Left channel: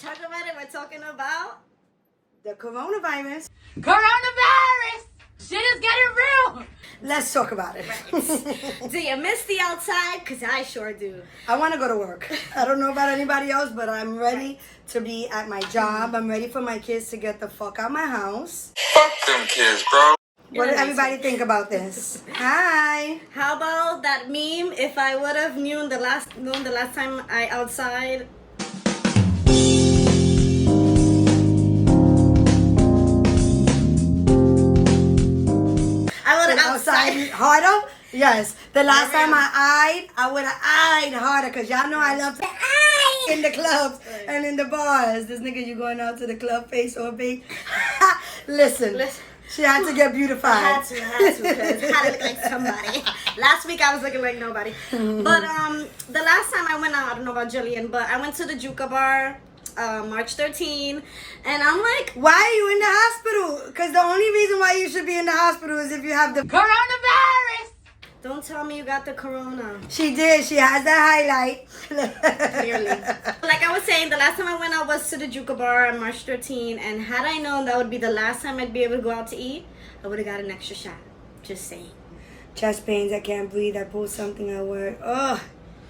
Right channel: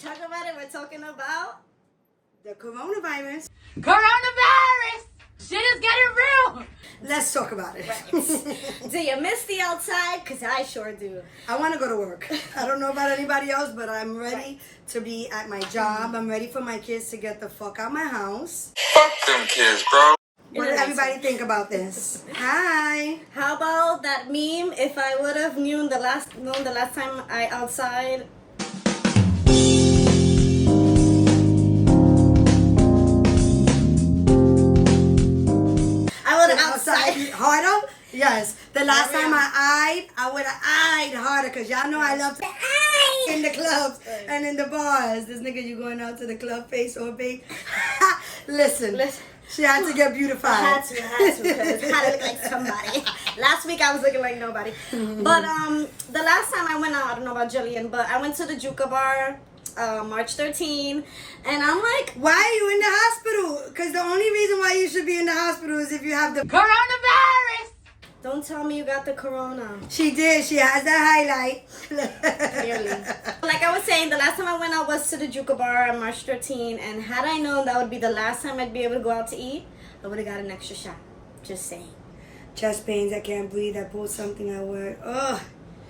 talk about it. We're talking about the coronavirus. Coronavirus! Shit is getting real! Let's talk about it. right. Do you miss the outside? Because I sure do. I want to go to work. I don't know about anybody else, but I'm ready to be at my job. I'm ready for my kids to get the fuck out of my house. Fuck them kids, bro. What did everybody think about this? Hi. How about that meme? If I would have known the last time I outside. I would have outside harder. Yes. The last time I would have eyed harder because y'all know I love to eye in the clubs and in the bars. This nigga, you going out to the club face or bait? Listen. She had to get beautified. I had to, because I had to look like somebody. Last week I was looking like nobody. But the last time I went out, I don't know about Jillian, but I went to the Juca Bar March 13, and I'm like, why are you in the hospital? Because the only reason why you should be in the hospital is if you have the coronavirus. Don't tell me you got the corona. She did. She has that highlight. Clearly. Like I was saying, the last time I went out was to the Juca Bar on March 13, and had I known that would be the last time I'd be able to go out to eat, I would have got an extra shot. Just saying. Chest pains, I can't breathe, I pulled something at work. Ugh.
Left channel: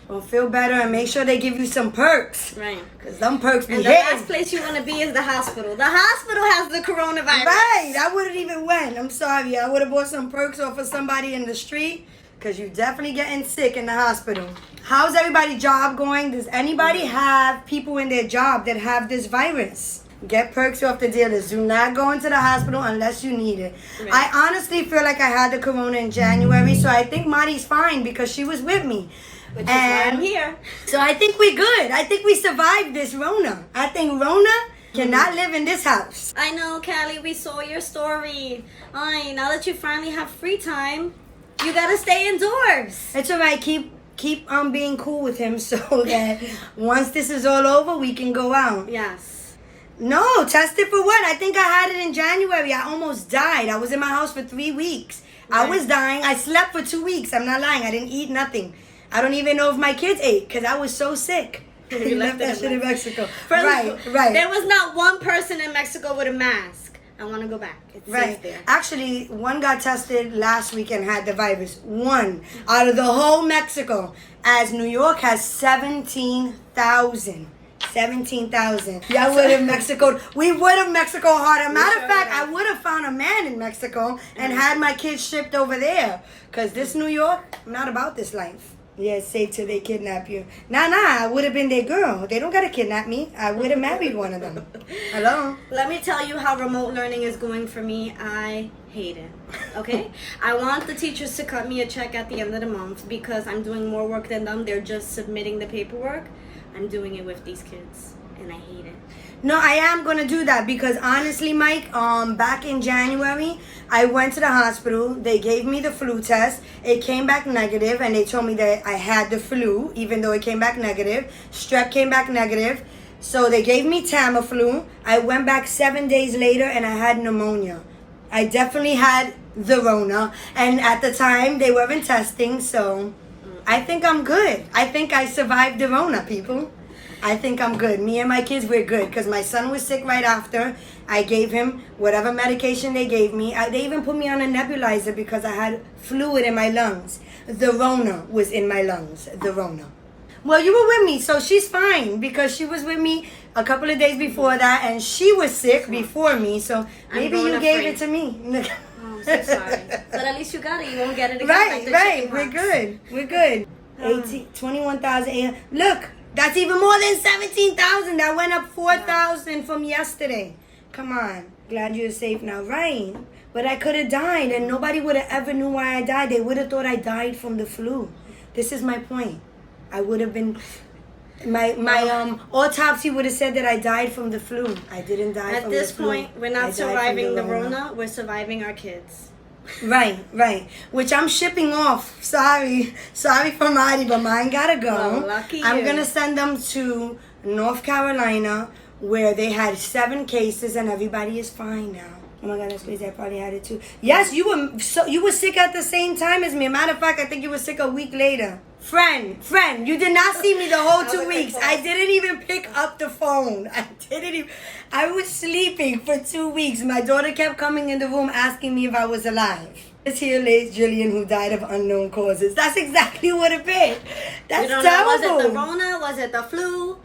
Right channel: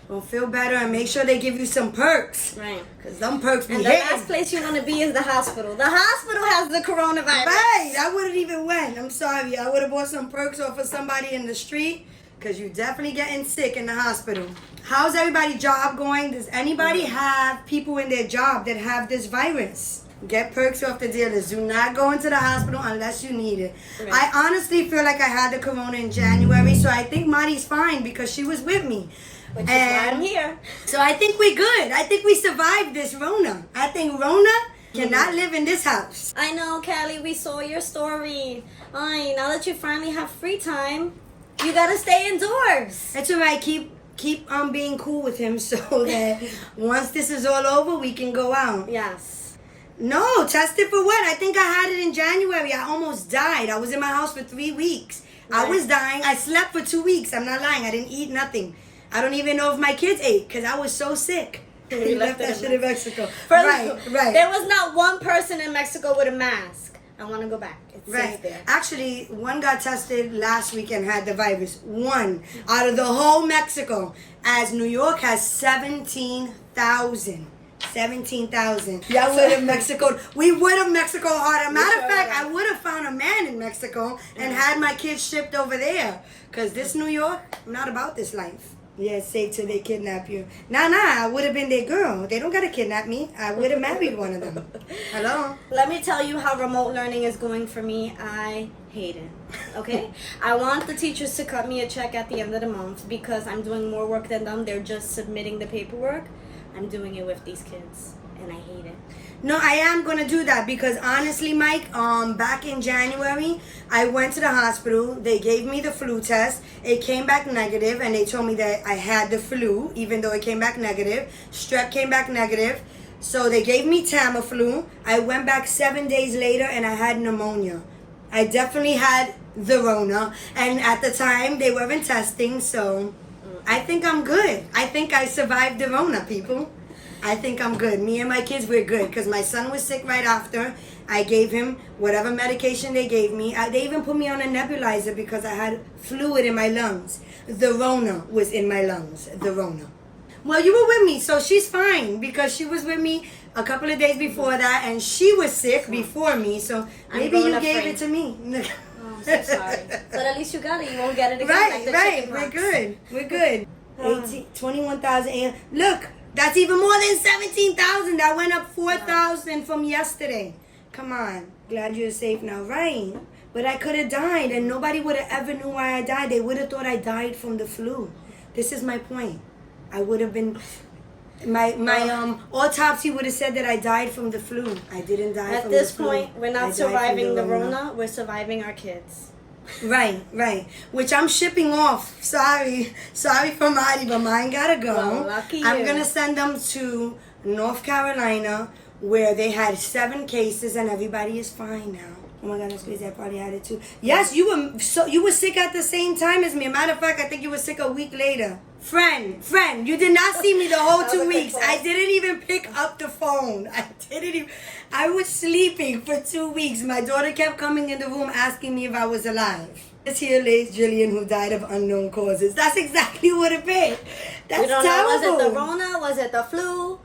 Well, feel better and make sure they give you some perks. Right. Because them perks be And the last place you want to be is the hospital. The hospital has the coronavirus. Right. I wouldn't even went. I'm sorry. I would have bought some perks off of somebody in the street. Because you definitely getting sick in the hospital. How's everybody's job going? Does anybody have people in their job that have this virus? Get perks off the dealers. Do not go into the hospital unless you need it. Right. I honestly feel like I had the corona in January, so I think Marty's fine because she was with me. Which is why I'm here. So I think we're good. I think we survived this Rona. I think Rona cannot live in this house. I know, Callie. We saw your story. Ay, now that you finally have free time, you gotta stay indoors. It's alright. Keep being cool with him so that once this is all over, we can go out. Yes. No, tested for what? I think I had it in January. I almost died. I was in my house for 3 weeks. Right. I was dying. I slept for 2 weeks. I'm not lying. I didn't eat nothing. I don't even know if my kids ate because I was so sick. You left that shit in Mexico. Right. There was not one person in Mexico with a mask. I want to go back. It's safe there. Actually, one got tested last week and had the virus. One out of the whole Mexico. As New York has 17,000. 17,000. Y'all would have Mexico. We would have Mexico harder. Matter of fact, I would have found a man in Mexico and had my kids shipped over there. Because this New York, I'm not about this life. Yeah, it's safe till they kidnap you. Nah, I would have been their girl. They don't got to kidnap me. I would have married one of them. Hello? Let me tell you how remote learning is going for me. I hate it. Okay? I want the teachers to cut me a check at the end of the month because I'm doing more work than them. They're just submitting the paperwork. I'm doing it with these kids, and I hate it. No, I am going to do that because honestly, Mike, back in January, I went to the hospital. They gave me the flu test. It came back negative, and they told me that I had the flu, even though it came back negative. Strep came back negative. So they gave me Tamiflu. I went back 7 days later, and I had pneumonia. I definitely had the Rona, and at the time, they weren't testing, so I think I'm good. I think I survived the Rona, people. I think I'm good. Me and my kids, we're good. Because my son was sick right after. I gave him whatever medication they gave me. They even put me on a nebulizer because I had fluid in my lungs. The Rona was in my lungs. The Rona. Well, you were with me, so she's fine. Because she was with me a couple of days before that. And she was sick before me. So maybe you gave it to me. Oh, I'm so sorry. But at least you got it. You won't get it again. Right, like the right. chicken pox. We're good. 21,000. Look. That's even more than 17,000. That went up 4,000 from yesterday. Come on. Glad you're safe now. Right. But I could have died and nobody would have ever knew why I died. They would have thought I died from the flu. This is my point. I would have been... My autopsy would have said that I died from the flu. I didn't die from the flu. At this point, we're not surviving the Rona. We're surviving our kids. Right. Which I'm shipping off. Sorry for Marty, but mine gotta go. Well, lucky you. I'm gonna send them to North Carolina where they had 7 cases and everybody is fine now. Oh my God, that's crazy. I probably had it too. Yes, you were sick at the same time as me. Matter of fact, I think you were sick a week later. Friend, you did not see me the whole 2 weeks. I didn't even pick up the phone. I was sleeping for 2 weeks. My daughter kept coming in the room asking me if I was alive. This here lays Jillian, who died of unknown causes. That's exactly what it is. That's We don't terrible. know. Was it the Rona? Was it the flu?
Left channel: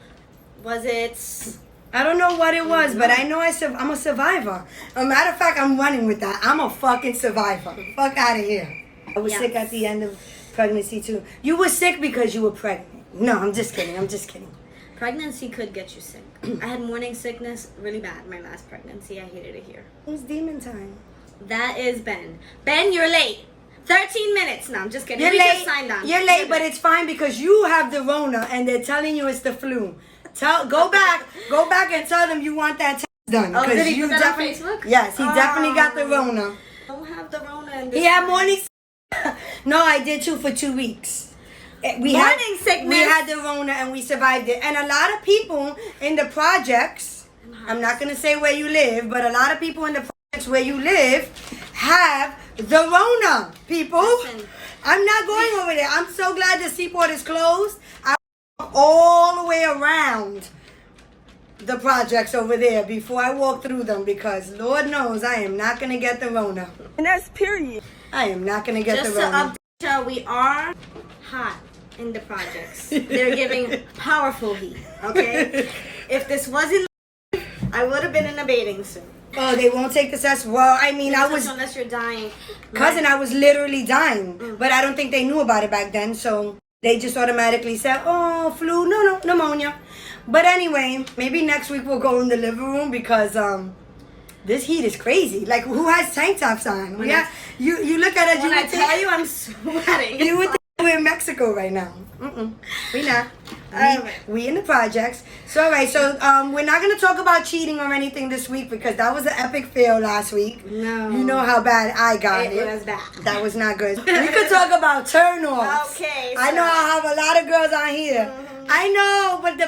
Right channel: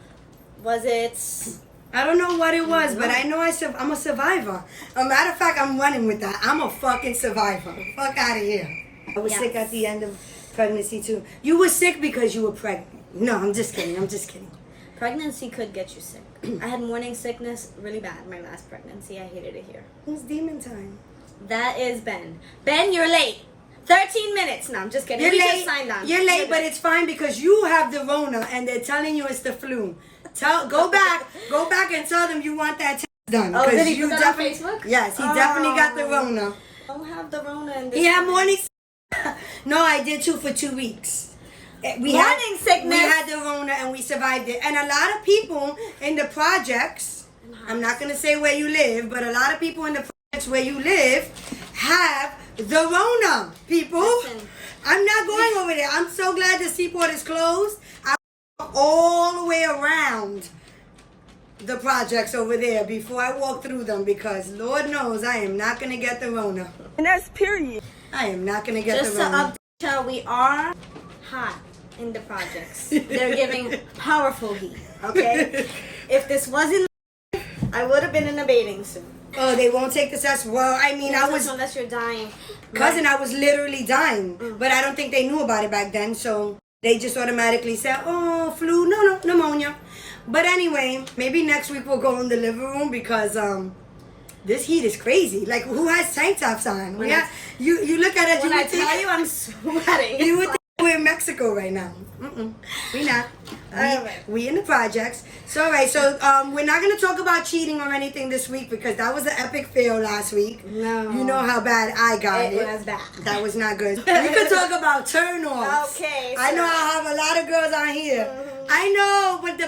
Was it? I don't know what it was, but I know I'm a survivor. A matter of fact, I'm running with that. I'm a fucking survivor. Fuck out of here. I was sick at the end of pregnancy too. You were sick because you were pregnant. No, I'm just kidding. Pregnancy could get you sick. I had morning sickness really bad my last pregnancy. I hated it here. Who's demon time? That is Ben. Ben, you're late. 13 minutes. No, I'm just kidding. You're We late. just signed on. You're late, but it's fine because you have the Rona and they're telling you it's the flu. Go back and tell them you want that test done. Oh, did he you put that on definitely- Facebook? Yes, he definitely got the Rona. I don't have the Rona in this. He had time. morning. No, I did too for 2 weeks. Morning sickness. We had the Rona and we survived it. And a lot of people in the projects, I'm not going to say where you live, but a lot of people in the projects where you live have the Rona, people. Listen. I'm not going over there. I'm so glad the seaport is closed. I walk all the way around the projects over there before I walk through them because Lord knows I am not going to get the Rona. And that's period. I am not going to get Just the to Rona. update y'all, we are hot in the projects. They're giving powerful heat, okay? If this wasn't I would have been in a bathing suit. Oh, they won't take the test? Well, I mean, I was... Unless you're dying. Cousin, I was literally dying. But I don't think they knew about it back then, so they just automatically said, oh, flu, no, pneumonia. But anyway, maybe next week we'll go in the living room because this heat is crazy. Like, who has tank tops on? You look at us, When I tell you I'm sweating. You would think we're in Mexico right now. We not. We in the projects. So, all right, so we're not going to talk about cheating or anything this week because that was an epic fail last week. No. You know how bad I got it. It was bad. That was not good. We could talk about turn-offs. Okay, I so- know I have a lot of girls on here. I know, but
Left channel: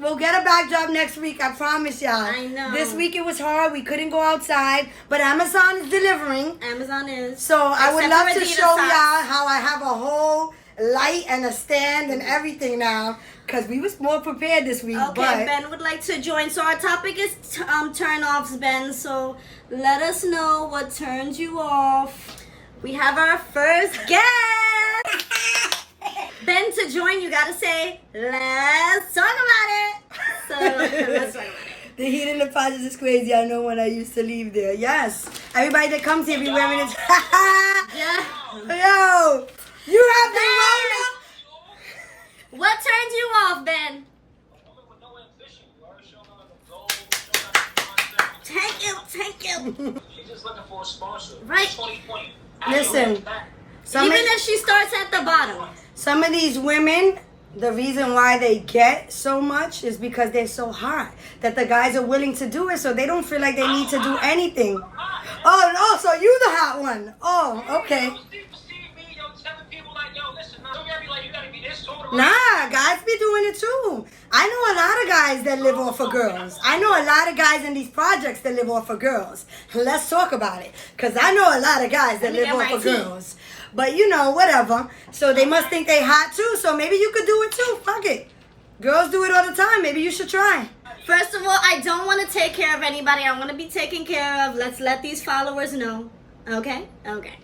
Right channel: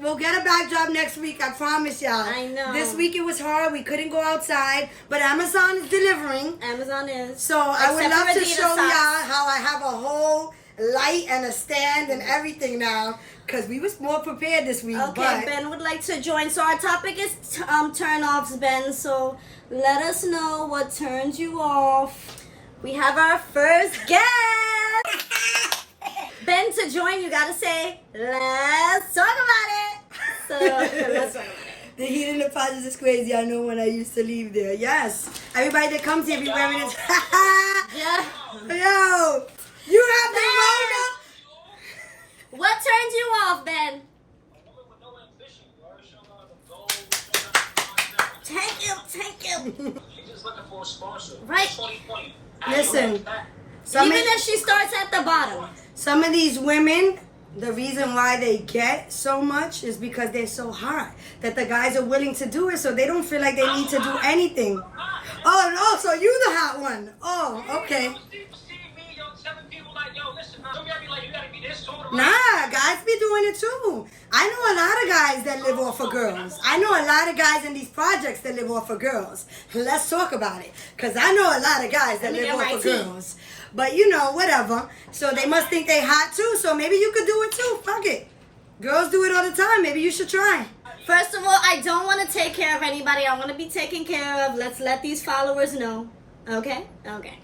we'll get a backdrop next week. I promise y'all. I know. This week it was hard. We couldn't go outside, but Amazon is delivering. Amazon is. So I would Except love for to Adidas show socks. y'all how I have a whole light and a stand and everything now. Because we was more prepared this week. Okay, but Ben would like to join. So our topic is turn-offs, Ben. So let us know what turns you off. We have our first guest. Ben, to join, you gotta say, let's talk about it. So let's talk about it. the heat in the project is crazy. I know when I used to leave there. Yes. Everybody that comes here be wearing this. Yeah. Yo, you have the Rona. What turns you off, Ben? Thank you. She's just looking for a sponsor. Right. 2020. Listen. Even if she starts at the bottom. Some of these women, the reason why they get so much is because they're so hot that the guys are willing to do it, so they don't feel like they need to do anything. Oh, so you the hot one. Oh, okay. Nah, guys be doing it too. I know a lot of guys that live off of girls. I know a lot of guys in these projects that live off of girls. Let's talk about it. Because I know a lot of guys that Let me live get off my of tea. girls. But you know, whatever. So they must think they hot too. So maybe you could do it too. Fuck it. Girls do it all the time. Maybe you should try. First of all, I don't want to take care of anybody. I want to be taken care of. Let's let these followers know. Okay? Okay.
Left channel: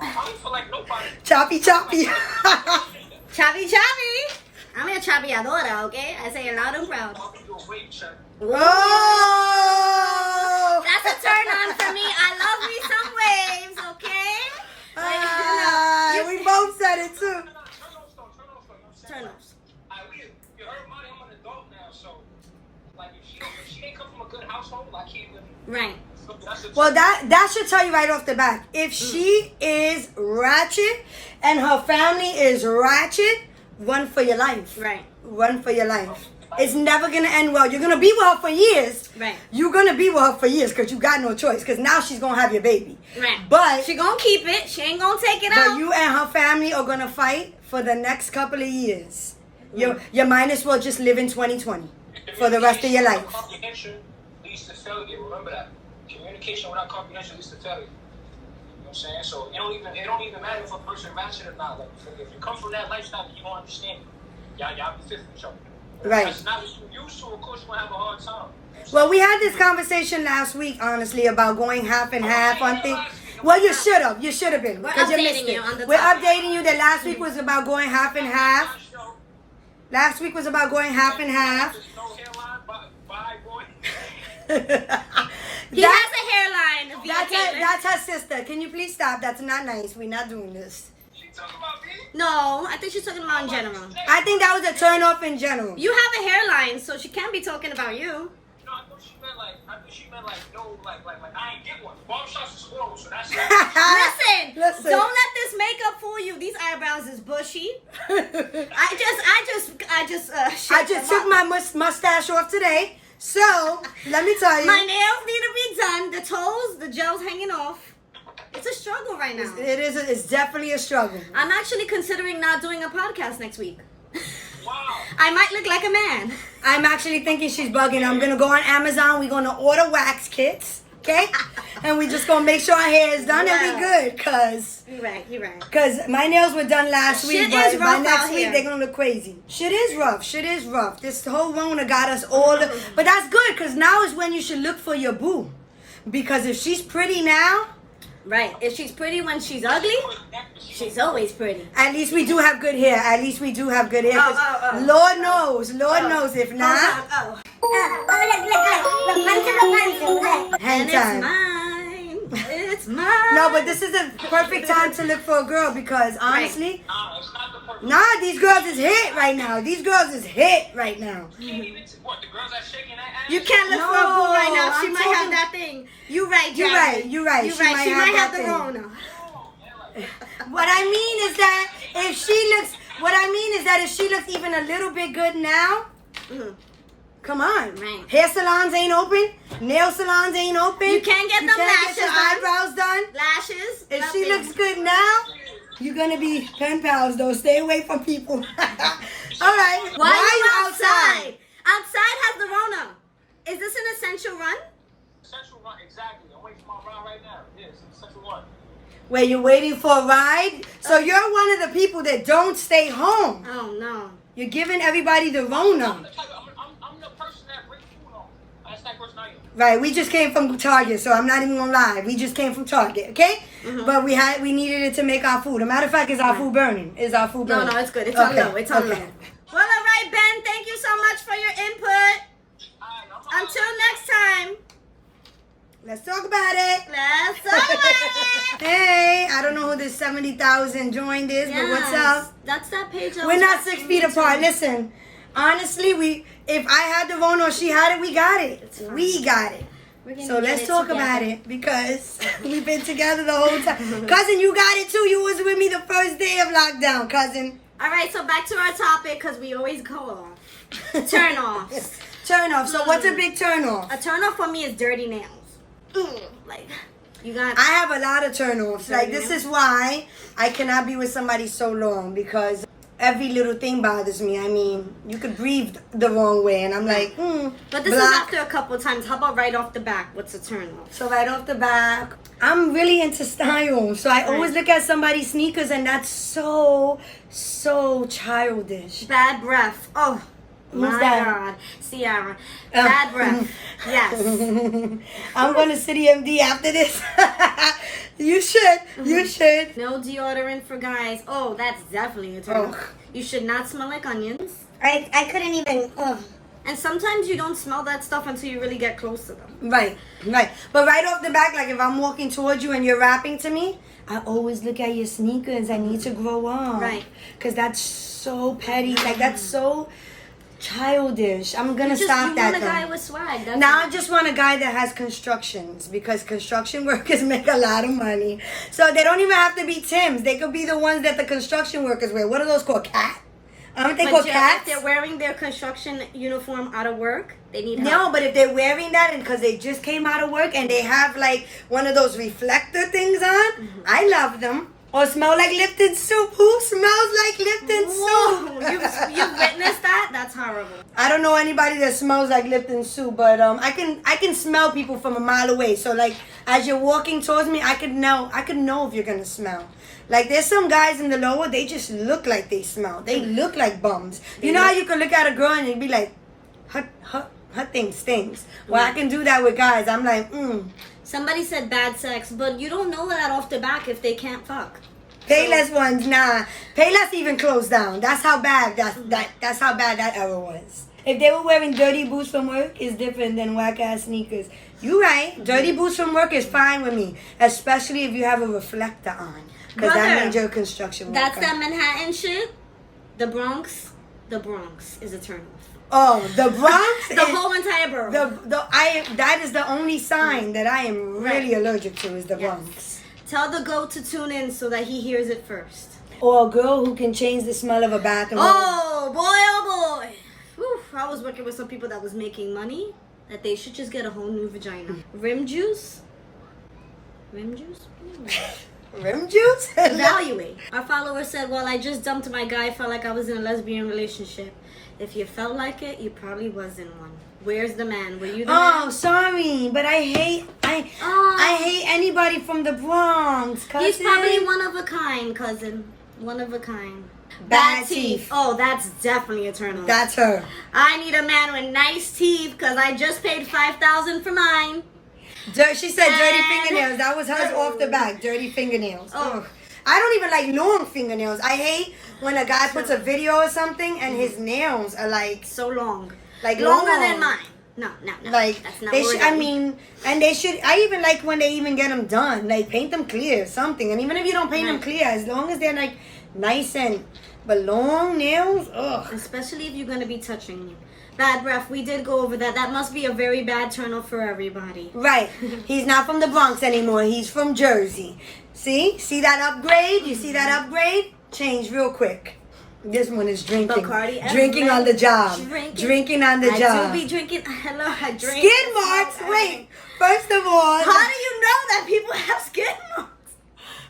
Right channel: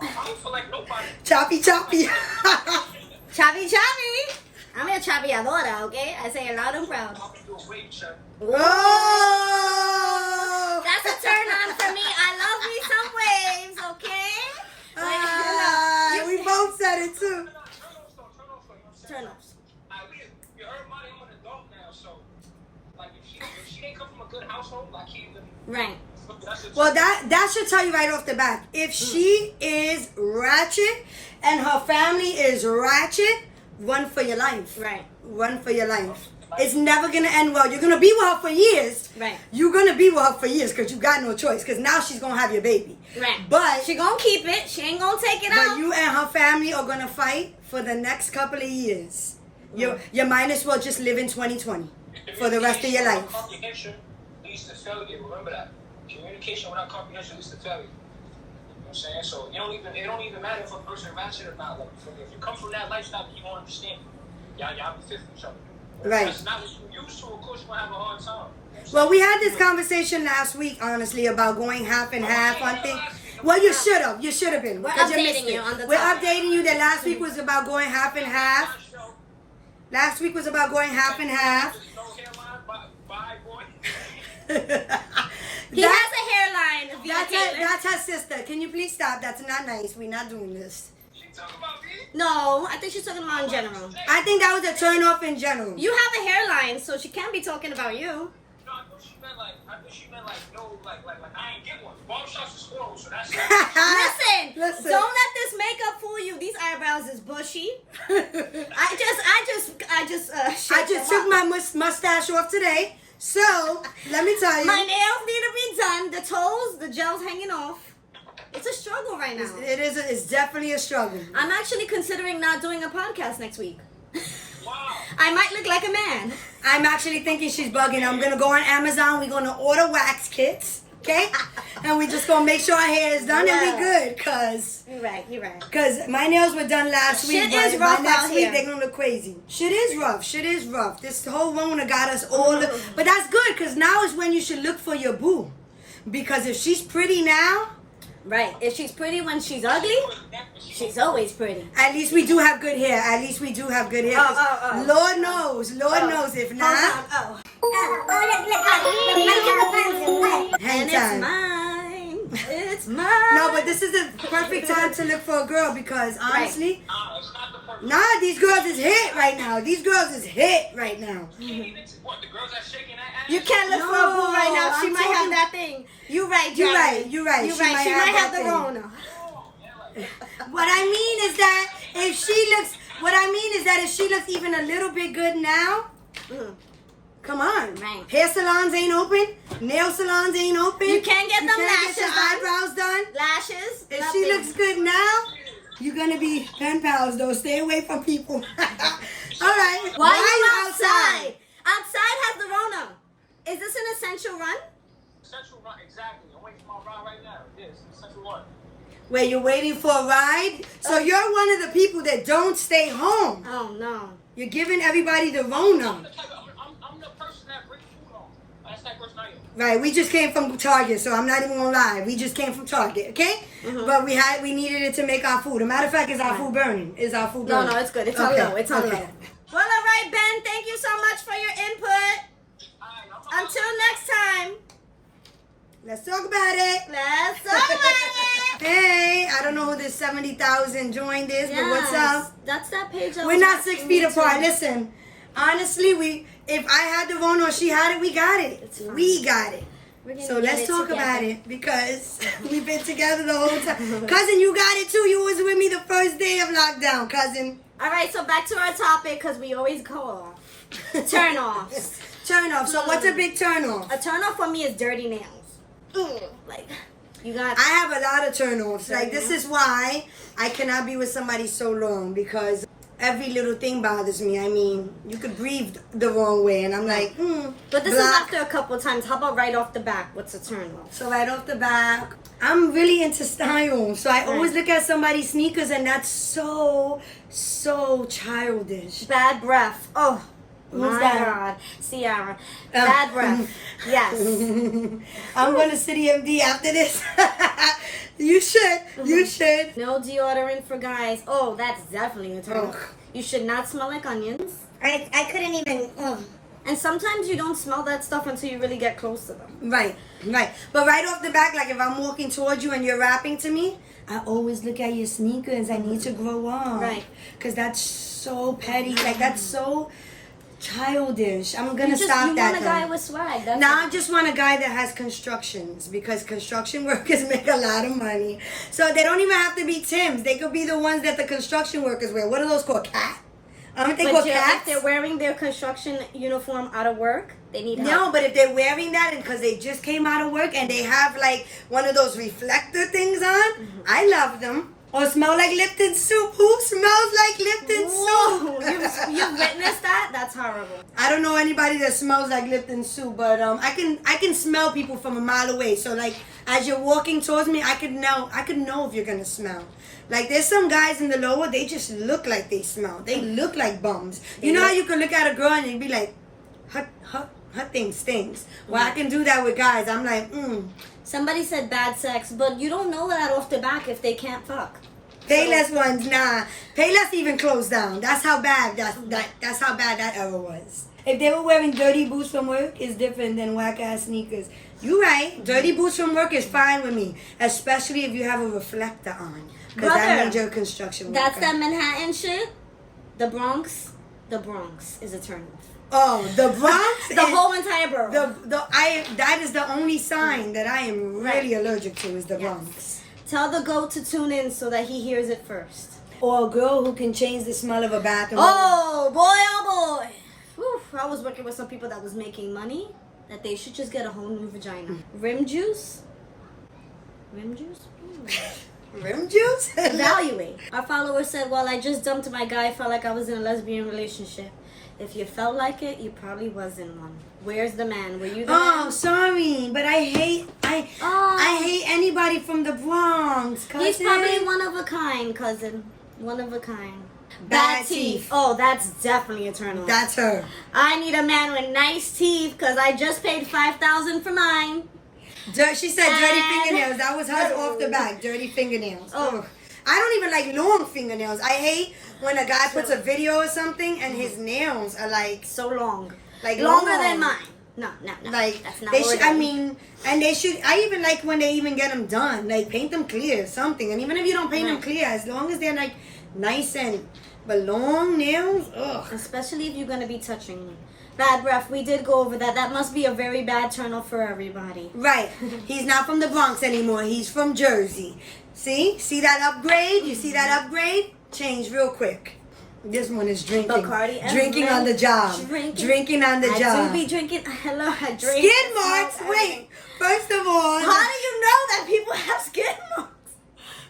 I don't feel like nobody. Choppy. Chavi. I'm a chaviadora, okay? I say it loud and proud. I'm gonna do a weight check. Oh! That's a turn on for me. I love me some waves, okay? Like, We both said it too. Turn off though. You know what I'm saying? Turn offs. You heard Monty, I'm an adult now, so like if she didn't come from a good household, I can't even. Right. That's a Well, that should tell you right off the bat. If she is ratchet and her family is ratchet, run for your life. Right. Run for your life. It's never going to end well. You're going to be with her for years. Right. You're going to be with her for years because you got no choice because now she's going to have your baby. Right. But, She gonna keep it. She ain't gonna take it but out. you and her family are going to fight for the next couple of years. You might as well just live in 2020 for the rest of your life. Comprehension leads to failure. Remember that. Communication without comprehension leads to failure. You know what I'm saying? So it don't even matter if a person ratchet or not. Like, if you come from that lifestyle, you gonna understand it. Y'all be fit for each other. But Right. if that's not what you used to, of course, you're gonna have a hard time. Well, we had this conversation last week, honestly, about going half and half on things. Well, you should have. You should have been. We're because updating missed it. you on the We're topic. updating you that last week was about going half and half. Last week was about going half and half. No hairline, bye, boy. He has a hairline. via Caitlyn. That's her sister. Can you please stop? That's not nice. We're not doing this. She talk about me? No, I think she's talking about in general. I think that was a turn off in general. You have a hairline, so she can't be talking about you. No, I thought she meant like no, like I ain't get one. Barbershops is horrible, so that's Listen, don't let this makeup fool you. These eyebrows is bushy. I just I just took my mustache off today. So, let me tell you. my nails need to be done. The toes, the gel's hanging off. It's a struggle right now. It's definitely a struggle. I'm actually considering not doing a podcast next week. wow. I might look like a man. I'm actually thinking she's bugging. I'm going to go on Amazon. We're going to order wax kits. Okay? And we're just going to make sure our hair is done and we're good. Because You're right. my nails were done last week. Shit But is by rough next out week, here. they're going to look crazy. Shit is rough. This whole Rona got us all. But that's good because now is when you should look for your boo. Because if she's pretty now, Right. If she's pretty when she's ugly, she's always pretty. at least we do have good hair. At least we do have good hair. 'Cause Lord knows. If not, Oh. hang And time. it's mine. It's mine. No, but this is the perfect time to look for a girl because honestly, It's not the perfect. nah, these girls is hit right now. These girls is hit right now. You can't even what the girls that shaking that ass. You can't look for a boo right now. She I'm might have talking- that thing. You right, You're Jared. right, you're right. You She right. might She have might that have the thing. Rona. What I mean is that if she looks even a little bit good now, Mhm. come on. Right. Hair salons ain't open. Nail salons ain't open. You can't get them can't lashes get your done. eyebrows done. Lashes. If nothing. she looks good now, you're gonna be pen pals though. Stay away from people. All right. Why are you outside? Outside has the Rona. Is this an essential run? Central run, exactly. I'm waiting for my ride right now. Yes, it's Central Run. Where you're waiting for a ride? So you're one of the people that don't stay home. Oh no. You're giving everybody the I'm Rona. the type I'm the person that brings food home. That's that person I am. Right, we just came from Target, so I'm not even gonna lie. We just came from Target, okay? But we needed it to make our food. A matter of fact, is our food burning? Is our food No, burning? no, it's good. It's on Okay, low. It's on okay. low. Well, all right, Ben. Thank you so much for your input. Until next time. Let's talk about it. Let's talk about it. Hey, I don't know who this 70,000 joined is, but what's up? That's that page. I We're was not watching 6 feet too. apart. Listen, honestly, if I had the Rona or she had it, we got it. It's fine. We got it. We're gonna So get let's it talk together. about it because we've been together the whole time. Cousin, you got it too. You was with me the first day of lockdown, cousin. All right, so back to our topic because we always go off. Turn offs. Turn off. So what's a big turn off? A turn off for me is dirty nails. Like you got. I have a lot of turn offs. Like this is why I cannot be with somebody so long because every little thing bothers me. I mean, you could breathe the wrong way, and I'm like, But this block. is after a couple of times. How about right off the back? What's a turn off? So right off the back, I'm really into style. So I always look at somebody's sneakers, and that's so childish. Bad breath. Oh Who's my that? God, Ciara. Bad breath. Yes. I'm going to City MD after this. You should. You should. No deodorant for guys. Oh, that's definitely a turn off. Ugh. You should not smell like onions. I couldn't even. And sometimes you don't smell that stuff until you really get close to them. Right. But right off the back, like if I'm walking towards you and you're rapping to me, I always look at your sneakers. I need to grow up. Right. Because that's so petty. Like that's so childish. I'm going to stop you that. want a though. guy with swag. That's Now I it. just want a guy that has constructions because construction workers make a lot of money. So they don't even have to be Tims. They could be the ones that the construction workers wear. What are those called? Cat? Aren't they But called if cats? they're wearing their construction uniform out of work, they need help. No, but if they're wearing that and because they just came out of work and they have like one of those reflector things on, I love them. Or smell like Lipton soup. Who smells like Lipton Whoa, soup? you witnessed that? that's horrible. I don't know anybody that smells like Lipton soup, but I can smell people from a mile away. So like as you're walking towards me, I could know if you're gonna smell. Like there's some guys in the lower, they just look like they smell. They look like bums. You know how you can look at a girl and you'd be like, her thing stinks. Well, I can do that with guys. I'm like, Somebody said bad sex, but you don't know that off the back if they can't fuck. Payless ones, nah. Payless even closed down. That's how bad that's how bad that era was. If they were wearing dirty boots from work, it's different than whack ass sneakers. You right. Dirty boots from work is fine with me, especially if you have a reflector on, because that means you're a construction worker. That's that Manhattan shit. The Bronx is a turn off. Oh, the Bronx. The whole entire borough. That is the only sign that I am really allergic to is the Bronx. Tell the goat to tune in so that he hears it first. Or a girl who can change the smell of a bathroom. Oh boy. Whew, I was working with some people that was making money that they should just get a whole new vagina. Rim juice? Rim juice? Evaluate. Our follower said, well, I just dumped my guy, felt like I was in a lesbian relationship. If you felt like it, you probably was in one. Where's the man? Were you the man? Oh, sorry, but I hate anybody from the Bronx, cousin. He's probably one of a kind, cousin. One of a kind. Bad teeth. Oh, that's definitely a turn on. That's her. I need a man with nice teeth because I just paid $5,000 for mine. She said dirty fingernails. That was hers off the back. Dirty fingernails. Oh. I don't even like long fingernails. I hate when a guy puts a video or something and his nails are like so long. Like longer long. than mine. No. Like that's not they what should. I mean, and they should. I even like when they even get them done. Like paint them clear or something. And even if you don't paint them clear, as long as they're like nice and but long nails, ugh. Especially if you're gonna be touching me. Bad breath. We did go over that. That must be a very bad turn off for everybody. Right. He's not from the Bronx anymore. He's from Jersey. See that upgrade? You see that upgrade? Change real quick. This one is drinking. Bacardi drinking on the job. Drinking on the job. I do be drinking. Hello, I drink. Skid marks. Wait. First of all, how do you know that people have skid marks?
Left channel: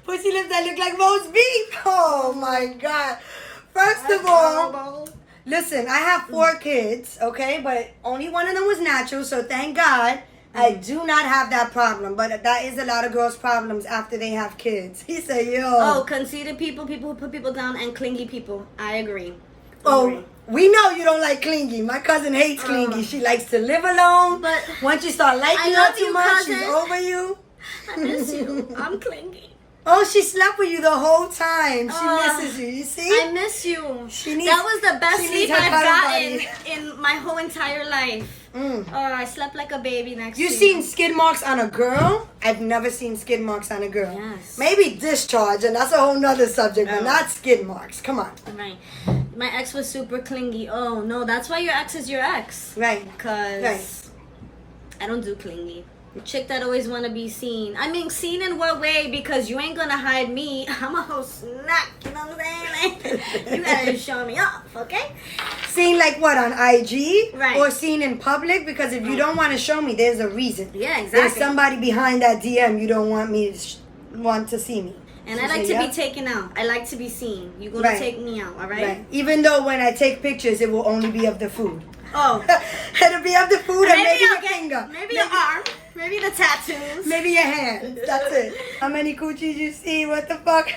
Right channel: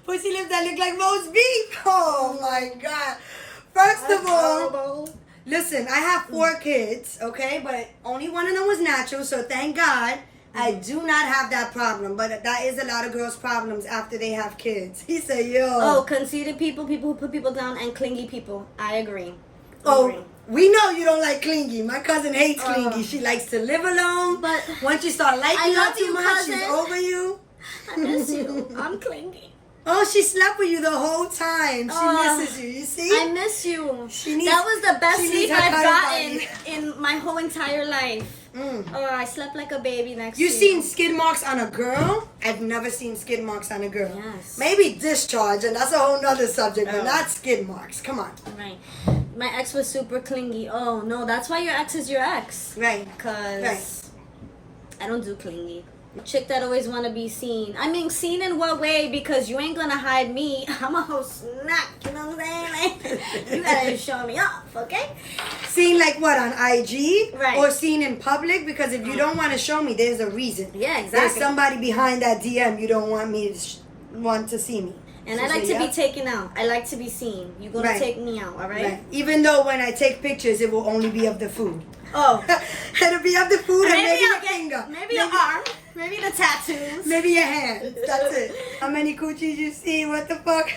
Pussy lips that look like roast beef. Oh my God. First of all, listen, I have 4 kids, okay? But only one of them was natural, so thank God I do not have that problem. But that is a lot of girls' problems after they have kids. He said, yo. Oh, conceited people who put people down, and clingy people. I agree. Oh, we know you don't like clingy. My cousin hates clingy. She likes to live alone. But once you start liking her too much, she's over you. I miss you. I'm clingy. Oh, she slept with you the whole time. She misses you. You see? I miss you. That was the best sleep I've gotten in my whole entire life. I slept like a baby next to you. You seen skid marks on a girl? I've never seen skid marks on a girl. Yes. Maybe discharge, and that's a whole nother subject, but not skid marks. Come on. Right. My ex was super clingy. Oh, no, that's why your ex is your ex. Right. Because I don't do clingy. Chick that always want to be seen. I mean, seen in what way? Because you ain't gonna hide me. I'm a whole snack. You know what I'm saying? Like, you gotta show me off, okay? Seen like what, on IG? Right. Or seen in public? Because if you don't want to show me, there's a reason. Yeah, exactly. There's somebody behind that DM you don't want me to want to see me. And I like to be taken out. I like to be seen. You're gonna take me out, all right? Even though when I take pictures, it will only be of the food. Oh. It'll be of the food and maybe your finger. Maybe your arm. Maybe the tattoos. Maybe your hand. That's it. How many coochies you seen? What the fuck?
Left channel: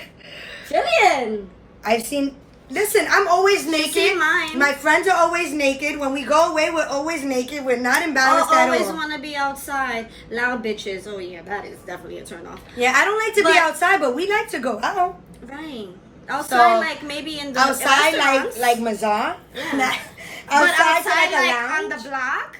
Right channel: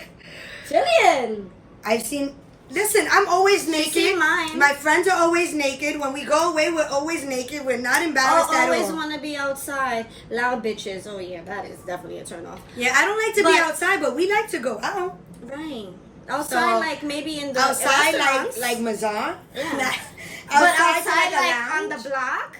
Jillian. I've seen... Listen, I'm always naked. She's seen mine. My friends are always naked. When we go away, we're always naked. We're not embarrassed at all. Always want to be outside. Loud bitches. Oh, yeah, that is definitely a turn off. Yeah, I don't like to be outside, but we like to go out. Right. Outside, like maybe in the outside, restaurants. like Mazar. Yeah. But outside like on the block?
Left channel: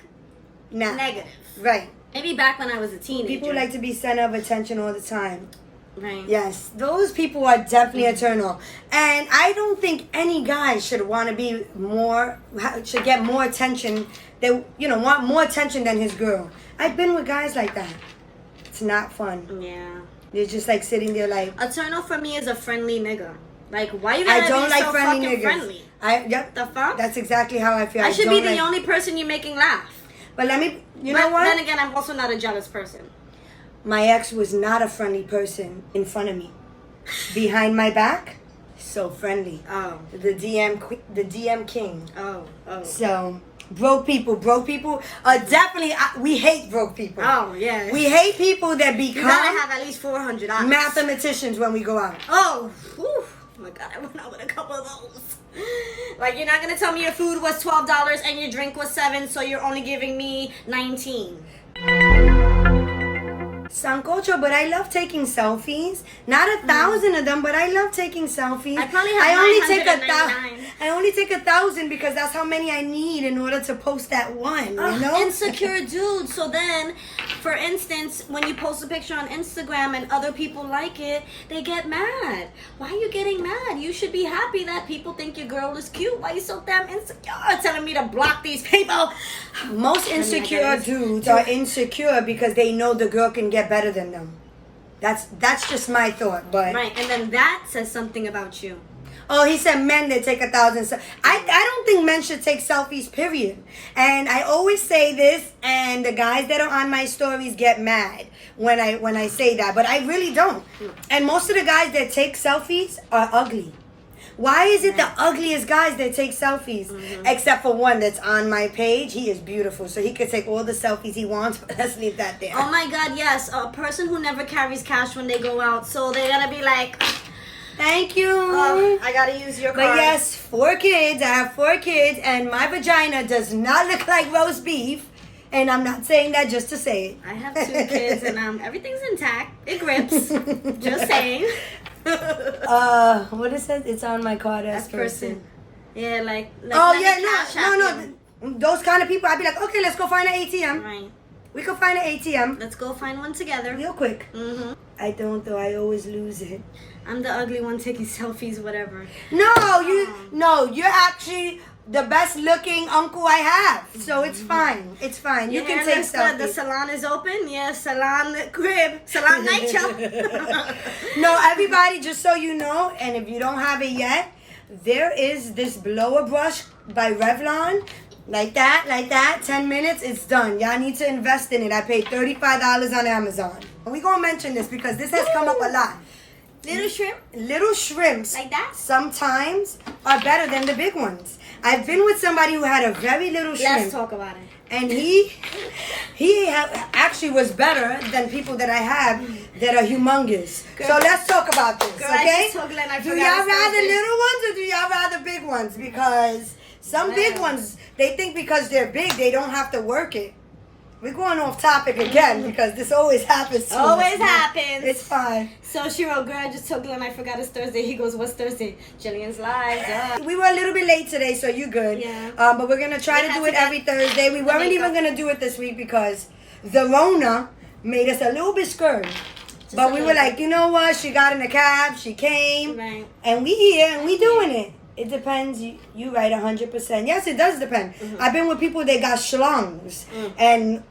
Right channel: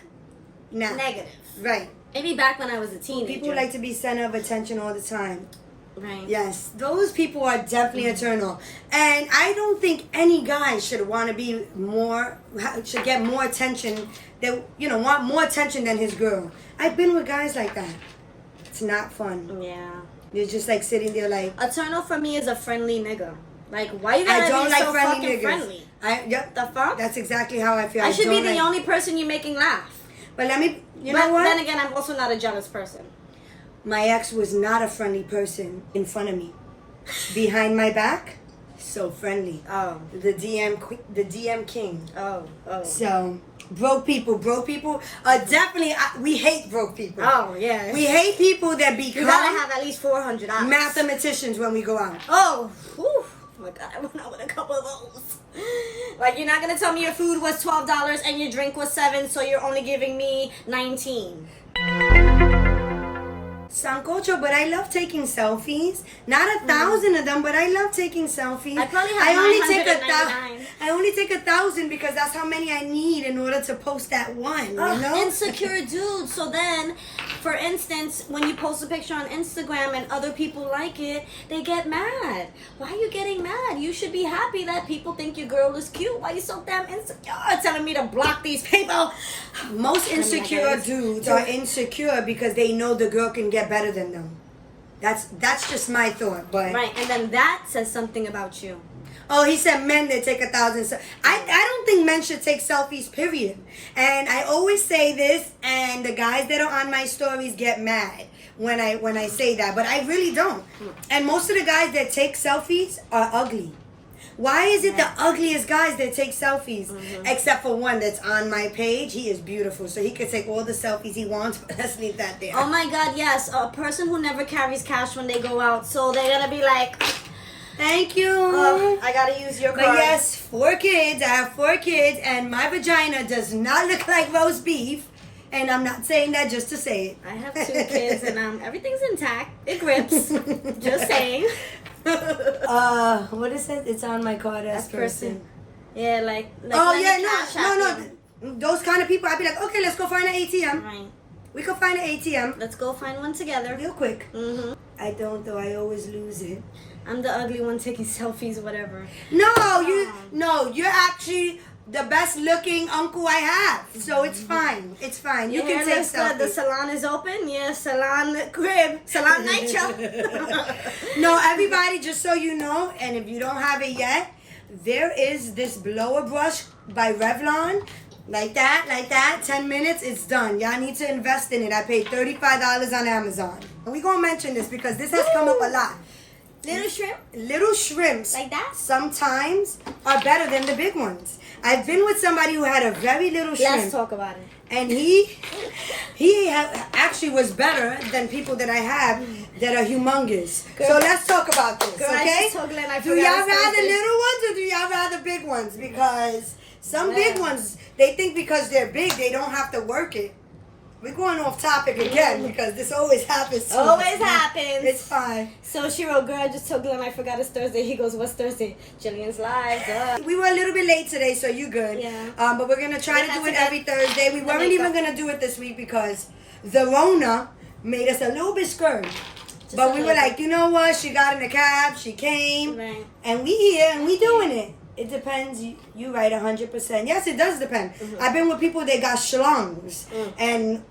Nah. Negative. Right. Maybe back when I was a teenager. People like to be center of attention all the time. Right. Yes, those people are definitely a turn off. And I don't think any guy should want to be should get more attention, want more attention than his girl. I've been with guys like that. It's not fun. Yeah. They're just like sitting there like... A turn off for me is a friendly nigga. Like, why you gotta I don't be like so friendly fucking niggas. friendly? Yep. The fuck? That's exactly how I feel. I should be the only person you're making laugh. But let me... You but know what? Then again, I'm also not a jealous person. My ex was not a friendly person in front of me. Behind my back, So friendly. Oh. The DM king. Oh. So broke people definitely. We hate broke people. Oh, yeah. We hate people that You become gotta have at least $400. mathematicians when we go out. Oh, whew. Oh my God, I went out with a couple of those. Like, you're not gonna tell me your food was $12 and your drink was $7, so you're only giving me $19. Sancocho, but I love taking selfies. Not 1,000 of them, but I love taking selfies. I probably have I only take 1,000 because that's how many I need in order to post that one. You know? Insecure dude. So then, for instance, when you post a picture on Instagram and other people like it, they get mad. Why are you getting mad? You should be happy that people think your girl is cute. Why are you so damn insecure? Telling me to block these people. Most insecure dudes are insecure because they know the girl can get better than them. That's just my thought. But Right, and then that says something about you. oh, he said men that take 1,000. I don't think men should take selfies, period. And I always say this, and the guys that are on my stories get mad when I say that, but I really don't. And most of the guys that take selfies are ugly. Why is it the ugliest guys that take selfies? Except for one that's on my page. He is beautiful, so he could take all the selfies he wants, but let's leave that there. Oh my God, yes, a person who never carries cash when they go out, so they're gonna be like, Thank you. I gotta use your But card. yes, 4 kids. I have 4 kids, and my vagina does not look like roast beef. And I'm not saying that just to say it. I have 2 kids, and everything's intact. It grips. Just saying. What it says? It's on my card as person. Yeah, like Oh let me yeah, cash app no. you. Those kind of people, I'd be like, okay, let's go find an ATM. Right. We can find an ATM Let's go find one together. real quick. Mm-hmm. I don't though. I always lose it. I'm the ugly one taking selfies, whatever. No, you're actually the best looking uncle I have. So it's fine. It's fine. You Your can hair take looks good. The selfies. salon is open. Yeah, salon crib. Salon night show. No, everybody, just so you know, and if you don't have it yet, there is this blower brush by Revlon. Like that, 10 minutes, it's done. Y'all need to invest in it. I paid $35 on Amazon. And we gonna mention this because this has come up a lot. Little shrimp. Little shrimps Like that? sometimes are better than the big ones. I've been with somebody who had a very little shrimp. Let's talk about it. And actually was better than people that I have that are humongous. So let's talk about this, Girl, I okay? just told Glenn I Do forgot y'all it's rather Thursday. little ones or do y'all rather big ones? Because some big ones, they think because they're big, they don't have to work it. We're going off topic again because this always happens to Always us. happens. It's fine. So she wrote, girl, I just told Glenn I forgot it's Thursday. He goes, what's Thursday? Jillian's live. Duh. We were a little bit late today, so you're good. Yeah. But we're going to try We to had do to it get every Thursday. We the weren't even makeup. going to do it this week because the Rona made us a little bit scared. But a we were little like, you know what? She got in the cab. She came. Right. And we here and we doing it. It depends. You right 100%. Yes, it does depend. I've been with people that got schlongs. And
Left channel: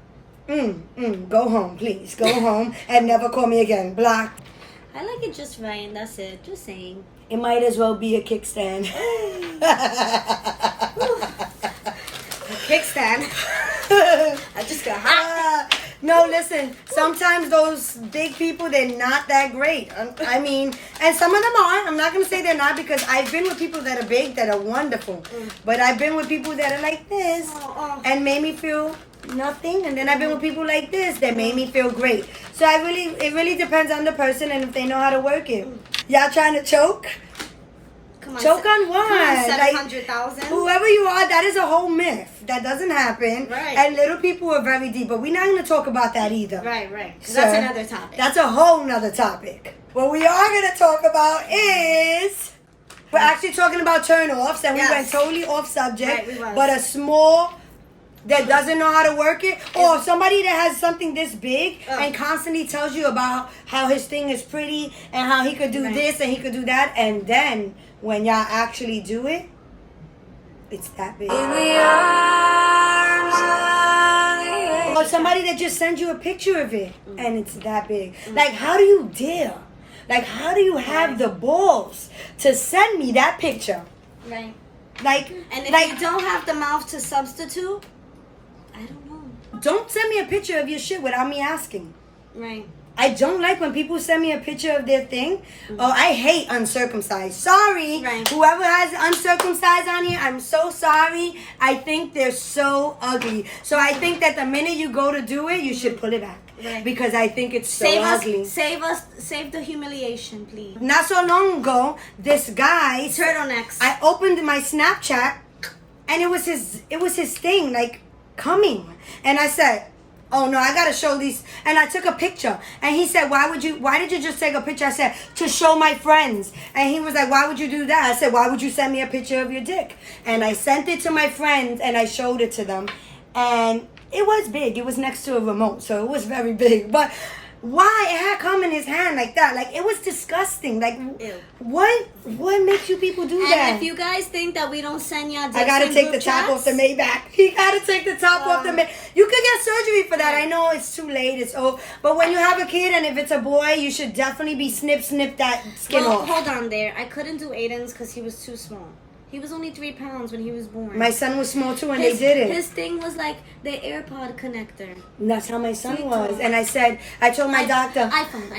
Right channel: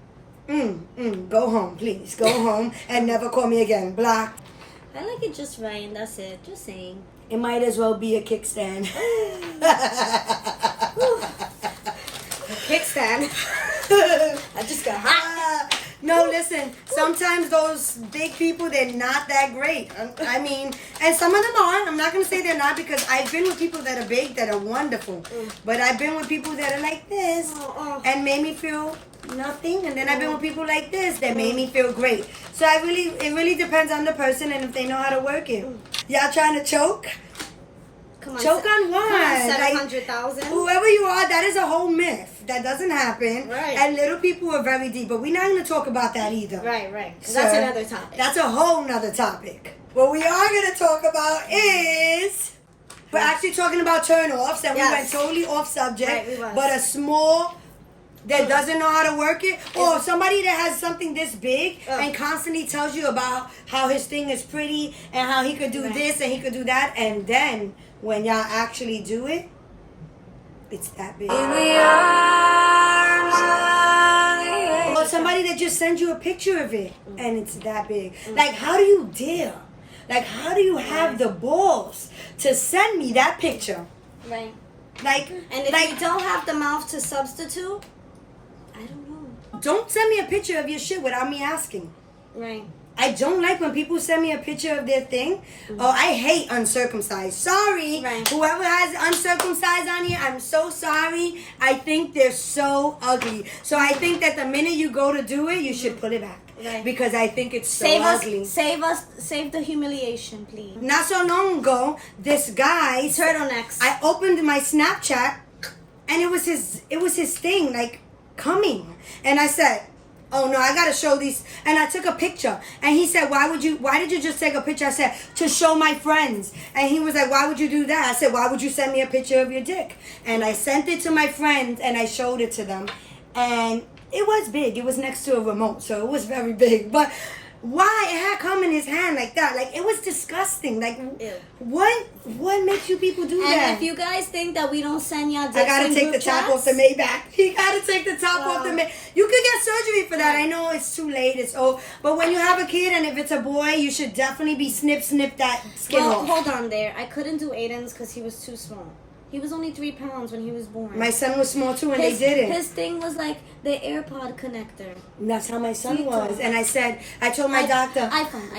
go home, please. Go home and never call me again. Block. I like it just right, and that's it. Just saying. It might as well be a kickstand. Kickstand. I just got hot. No, listen. Sometimes those big people, they're not that great. I mean, and some of them are. I'm not going to say they're not because I've been with people that are big that are wonderful. But I've been with people that are like this and made me feel nothing. And then I've been with people like this that made me feel great. So it really depends on the person and if they know how to work it. Y'all trying to choke? Come on. Choke on what? Come on, Like, 700,000. whoever you are, that is a whole myth. That doesn't happen. Right. And little people are very deep. But we're not going to talk about that either. Right. 'Cause So, that's another topic. That's a whole nother topic. What we are going to talk about is... We're actually talking about turn-offs. And we Yes. went totally off subject. Right, we was. But a small... that doesn't know how to work it, or somebody that has something this big and constantly tells you about how his thing is pretty and how he could do this and he could do that, and then when y'all actually do it, it's that big. Or somebody that just sends you a picture of it and it's that big. Like, how do you dare? Like, how do you have the balls to send me that picture? Right. Like, And if you don't have the mouth to substitute, I don't know. don't send me a picture of your shit without me asking. Right. I don't like when people send me a picture of their thing. Oh, I hate uncircumcised. Sorry. Right. Whoever has uncircumcised on here, I'm so sorry. I think they're so ugly. So I think that the minute you go to do it, you should pull it back. Right. Because I think it's so Save ugly. us, save the humiliation, please. Not so long ago, this guy, Turtlenecks. I opened my Snapchat and it was his thing, like coming. And I said, oh no, I gotta show these. And I took a picture. And he said, why did you just take a picture? I said, to show my friends. And he was like, why would you do that? I said, why would you send me a picture of your dick? And I sent it to my friends and I showed it to them. And it was big. It was next to a remote, so it was very big. But why it had come in his hand like that? Like, it was disgusting. Like, Ew. what makes you people do that? And if you guys think that we don't send y'all dicks I gotta in take the group top off chats, the Maybach. He gotta take the top off the Maybach. You could get surgery for that. I know it's too late. It's but when you have a kid and if it's a boy, you should definitely be snip that skin well, off. hold on there. I couldn't do Aiden's because he was too small. He was only 3 pounds when he was born. My son was small too, and his, they did it. His thing was like the AirPod connector. And that's how my son Sweet was. tooth. And I told my doctor. iPhone.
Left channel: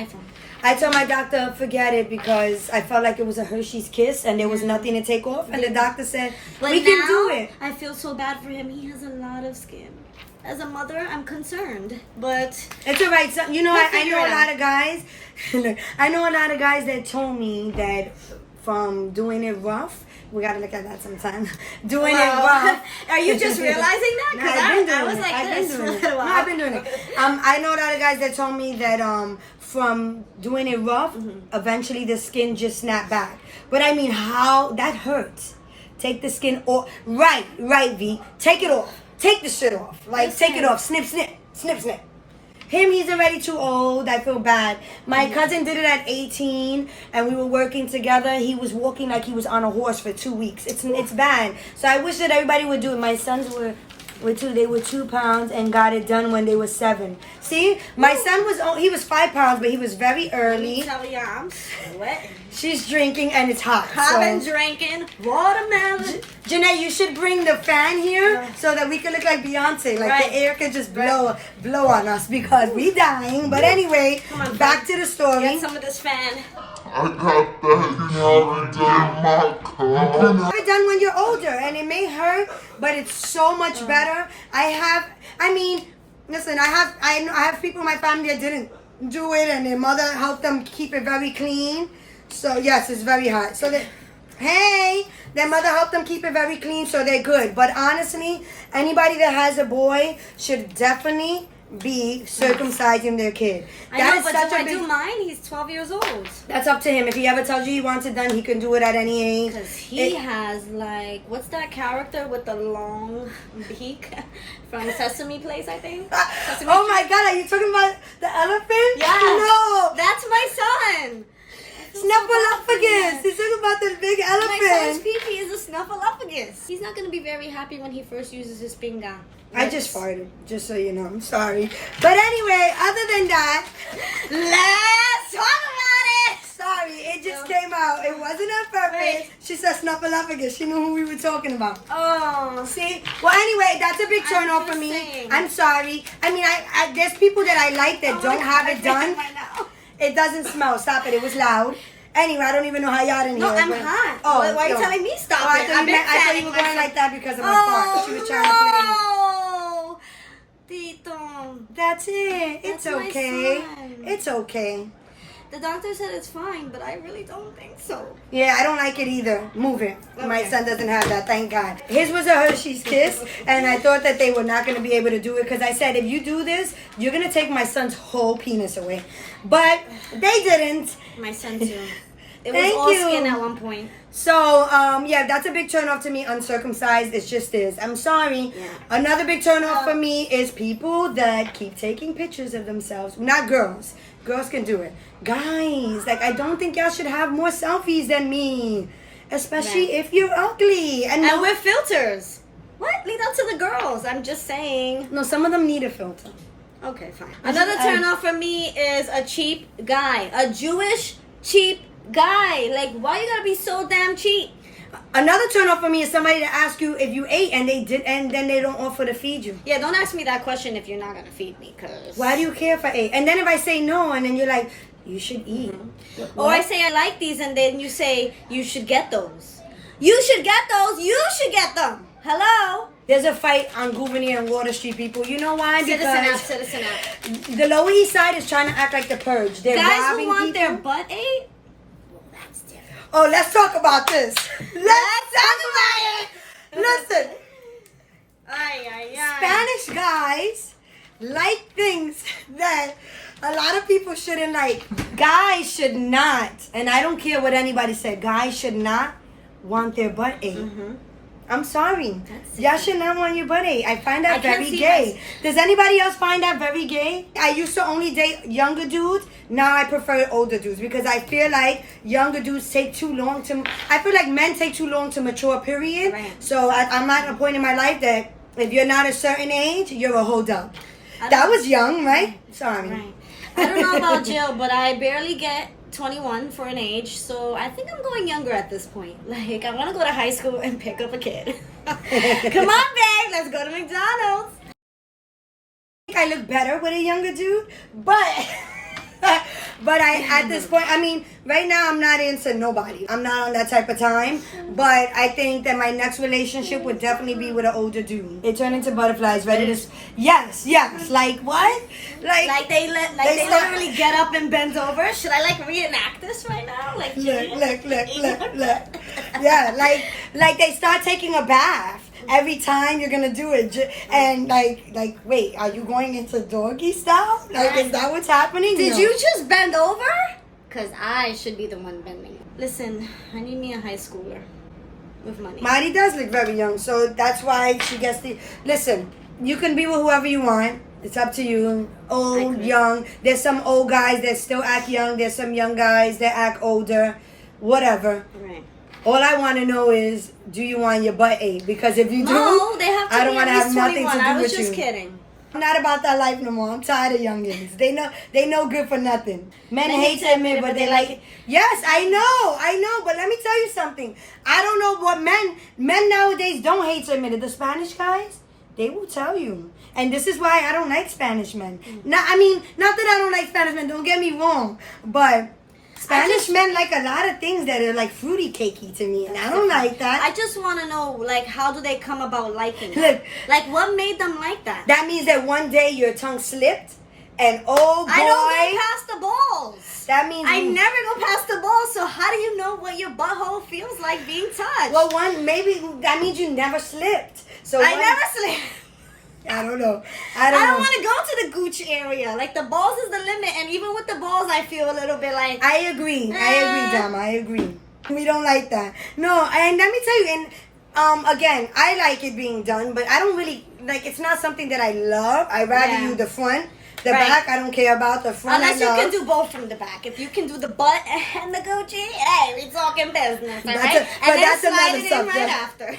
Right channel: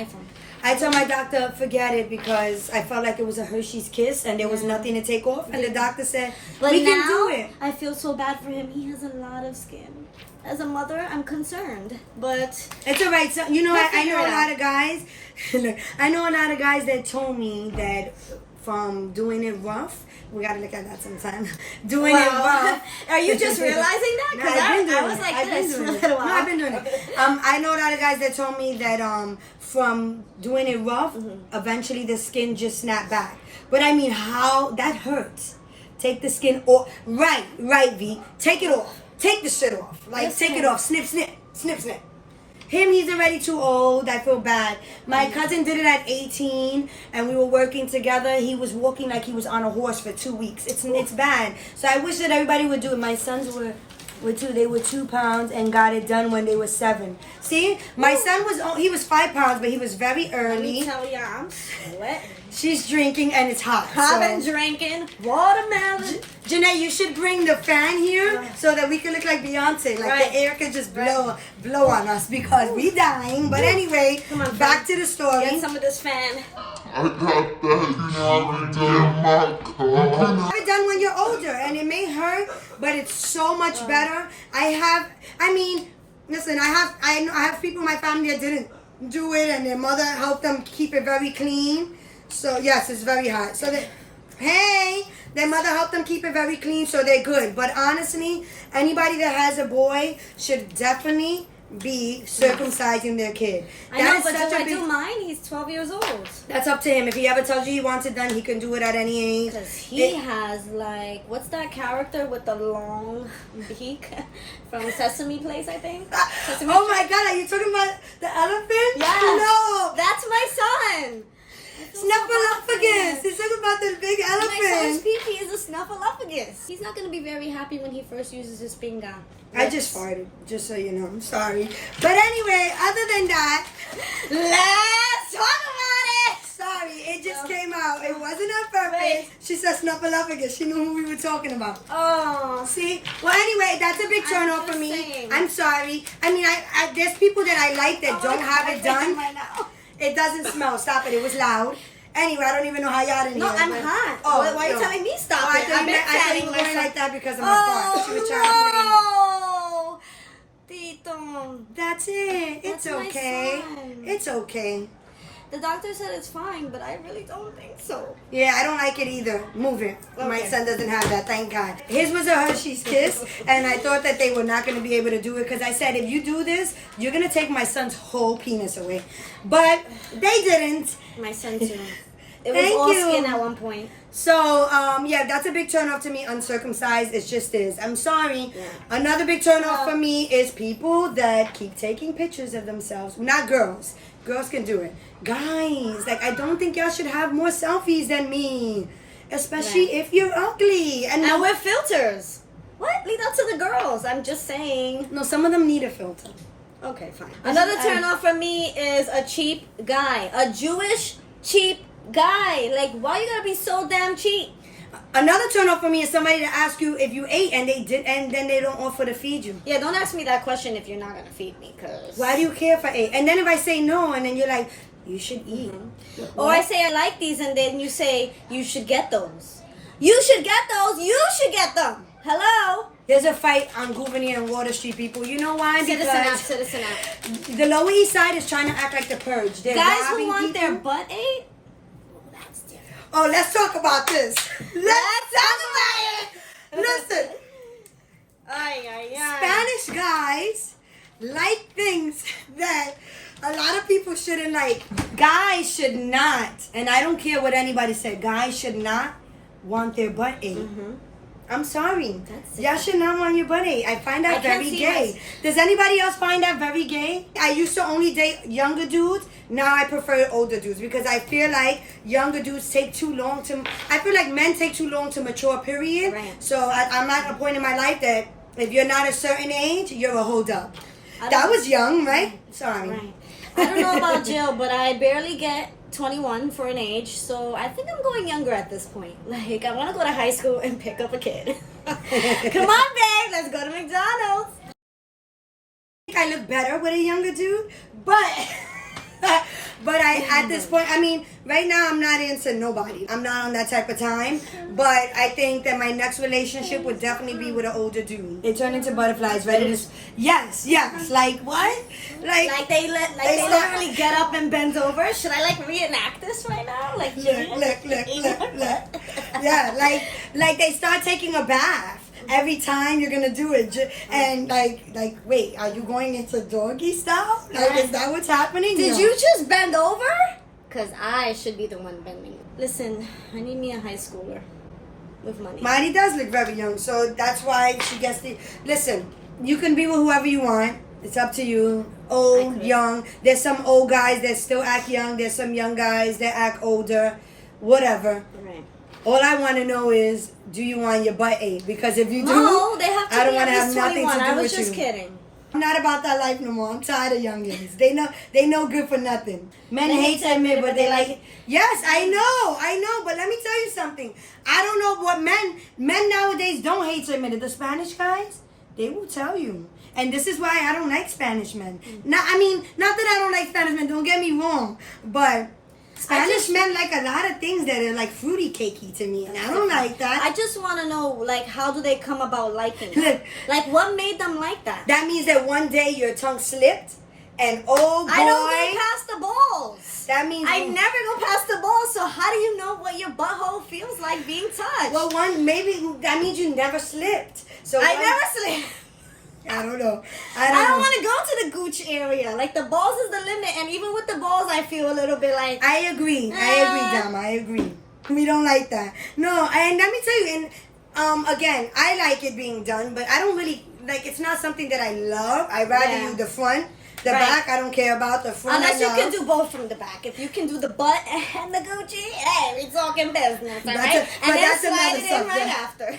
I told my doctor, forget it, because I felt like it was a Hershey's Kiss and there was nothing to take off. And the doctor said, But we now, can do it. I feel so bad for him. He has a lot of skin. As a mother, I'm concerned. But It's all right. So, you know, We'll I figure know it a lot out. of guys. Look, I know a lot of guys that told me that from doing it rough, we gotta look at that sometime. Doing it rough. Are you just realizing that? No, Because I've been doing I was it. like I've been this for a doing it. little while. No, I've been doing it. I know a lot of guys that told me that from doing it rough, eventually the skin just snapped back. But I mean, how that hurts. Take the skin off. Right, V. Take it off. Take the shit off. Like, take it off. Snip. Him, he's already too old. I feel bad. My cousin did it at 18, and we were working together. He was walking like he was on a horse for 2 weeks. It's bad. So I wish that everybody would do it. My sons were two. They were 2 pounds and got it done when they were 7. See, my son he was 5 pounds, but he was very Let me early. tell you, I'm sweating. She's drinking and it's hot. I've so- been drinking watermelon. Janae, you should bring the fan here so that we can look like Beyonce. Like Right. the air can just blow on us because we dying. But anyway, Come on, back fan. to the story. Get some of this fan. I got that knowledge in my car. Have it done when you're older, and it may hurt, but it's so much better. Listen, I have people in my family that didn't do it, and their mother helped them keep it very clean. So yes, it's very hot. So their mother helped them keep it very clean, so they're good. But honestly, anybody that has a boy should definitely be circumcising their kid. I know, is but such do a I big- do mine? He's 12 years old. That's up to him. If he ever tells you he wants it done, he can do it at any age. Because he has, like, what's that character with the long beak from Sesame Place, I think? Sesame Oh Street? my God, are you talking about the elephant? Yes. No. That's my son. Snuffleupagus. He's talking about the big My son's elephant. pee-pee is a snuffleupagus. He's not going to be very happy when he first uses his finger. I just farted, just so you know. I'm sorry. But anyway, other than that, Let's talk about it. sorry, it just came out. It wasn't on purpose. Wait. She said Snuffleupagus. She knew who we were talking about. Oh. See? Well, anyway, that's a big turn I'm off for just me. saying. I'm sorry. I mean, I there's people that I like that don't have it done. right now. It doesn't smell. Stop it. It was loud. Anyway, I don't even know how y'all didn't No, hear. I'm but- hot. Oh, Why are you no. telling me stop Oh, it? I've been I thought you fanning were going myself. like that because of my fart. She was trying to play. Oh, Tito. That's it. It's That's my okay. son. It's okay. The doctor said it's fine, but I really don't think so. Yeah, I don't like it either. Move it. My Okay. son doesn't have that, thank God. His was a Hershey's Kiss, and I thought that they were not going to be able to do it because I said, if you do this, you're going to take my son's whole penis away. But they didn't. My son too. It was Thank all you. skin at one point. So, yeah, that's a big turn off to me. Uncircumcised, it just is. I'm sorry. Yeah. Another big turn off for me is people that keep taking pictures of themselves. Not girls. Girls can do it. Guys, like, I don't think y'all should have more selfies than me. Especially Right. if you're ugly. And And with filters. What? Leave that to the girls. I'm just saying. no, some of them need a filter. Okay, fine. Another turn off for me is a cheap guy. A Jewish cheap guy. Like, why you gotta be so damn cheap? Another turn off for me is somebody to ask you if you ate and they did, and then they don't offer to feed you. Yeah, don't ask me that question if you're not gonna feed me, cause Why do you care if I ate? And then if I say no, and then you're like, you should eat. Or I say I like these, and then you say you should get those. You should get those. You should get them. Hello. There's a fight on Gouverneur and Water Street, people. You know why? Citizen app. The Lower East Side is trying to act like the purge. They're Guys who robbing want their people. butt ate. Well, that's different. Oh, let's talk about this. Let's talk about it. Listen, Spanish guys like things that a lot of people shouldn't like. Guys should not, and I don't care what anybody said, guys should not want their butt ate. I'm sorry. Y'all should not want your butt ate. I find that very gay. Does anybody else find that very gay? I used to only date younger dudes. Now I prefer older dudes because I feel like younger dudes take too long to. I feel like men take too long to mature. Period. Right. So I'm at a point in my life that if you're not a certain age, you're a hold up. That was young, right? Sorry. Right. I don't know about Jill, but I barely get 21 for an age, so I think I'm going younger at this point. Like, I want to go to high school and pick up a kid. Come on, babe, let's go to McDonald's. I look better with a younger dude, but I at this point, I mean, right now I'm not into nobody. I'm not on that type of time, but I think that my next relationship would definitely be with an older dude. They turn into butterflies, ready to yes, like what? Like they literally get up and bend over. Should I like reenact this right now? Like look. Yeah, like they start taking a bath every time you're gonna do it, and like wait, are you going into doggy style? Like, is that what's happening? Did you just bend over? Cause I should be the one bending. Listen, I need me a high schooler with money. Mari does look very young, so that's why she gets the. Listen, you can be with whoever you want. It's up to you. Old, young. There's some old guys that still act young. There's some young guys that act older. Whatever. Right. All I want to know is, do you want your butt ate? Because if you No, do, they have to I don't be want at to have least nothing 21. to do I was with just you. kidding. I'm not about that life no more. I'm tired of youngins. They know good for nothing. Men hate to admit, but they like it. Yes, I know. But let me tell you something. I don't know what men nowadays don't hate to admit it. The Spanish guys, they will tell you. And this is why I don't like Spanish men. Not that I don't like Spanish men. Don't get me wrong, but Spanish men like a lot of things that are like fruity cakey to me, and I don't like that. I just want to know, like, how do they come about liking Look. it? Like, what made them like that? That means that one day your tongue slipped, and oh boy, I don't go past the balls. that means I never go past the balls, so how do you know what your butthole feels like being touched? Well, maybe that means you never slipped. So I never slipped. I don't know. I don't want to go to the gooch area. Like, the balls is the limit, and even with the balls, I feel a little bit like... I agree, Dama. I agree. We don't like that. No, and let me tell you, and again, I like it being done, but I don't really like. It's not something that I love. I rather do the front, the back. I don't care about the front. Unless you can do both from the back. If you can do the butt and the Gucci, hey, we talking business, all right? And then slide it in right after.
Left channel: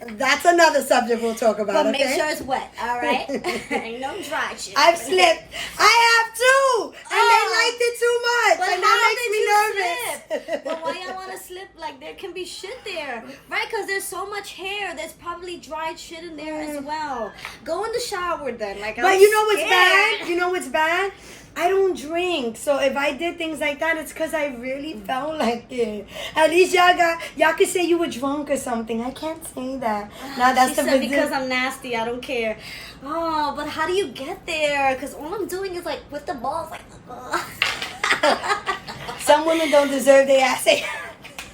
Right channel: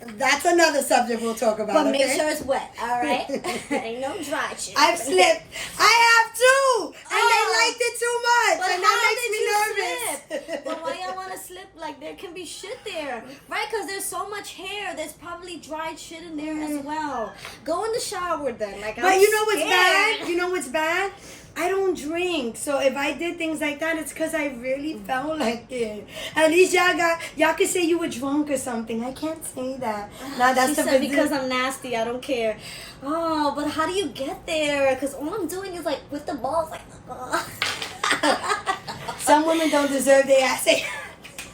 That's another subject we'll talk about. But make sure it's wet, all right? Ain't no dry shit. I've slipped. I have too, and they liked it too much, But and how that did makes me you nervous. slip? But why y'all want to slip? Like, there can be shit there, right? Because there's so much hair. There's probably dried shit in there as well. Go in the shower then. Like, But you know what's bad? You know what's bad? I don't drink, so if I did things like that, it's because I really felt like it. At least y'all could say you were drunk or something. I can't say that. Now that's She the said business. because I'm nasty, I don't care. Oh, but how do you get there? Because all I'm doing is like with the balls, like. Some women don't deserve their ass.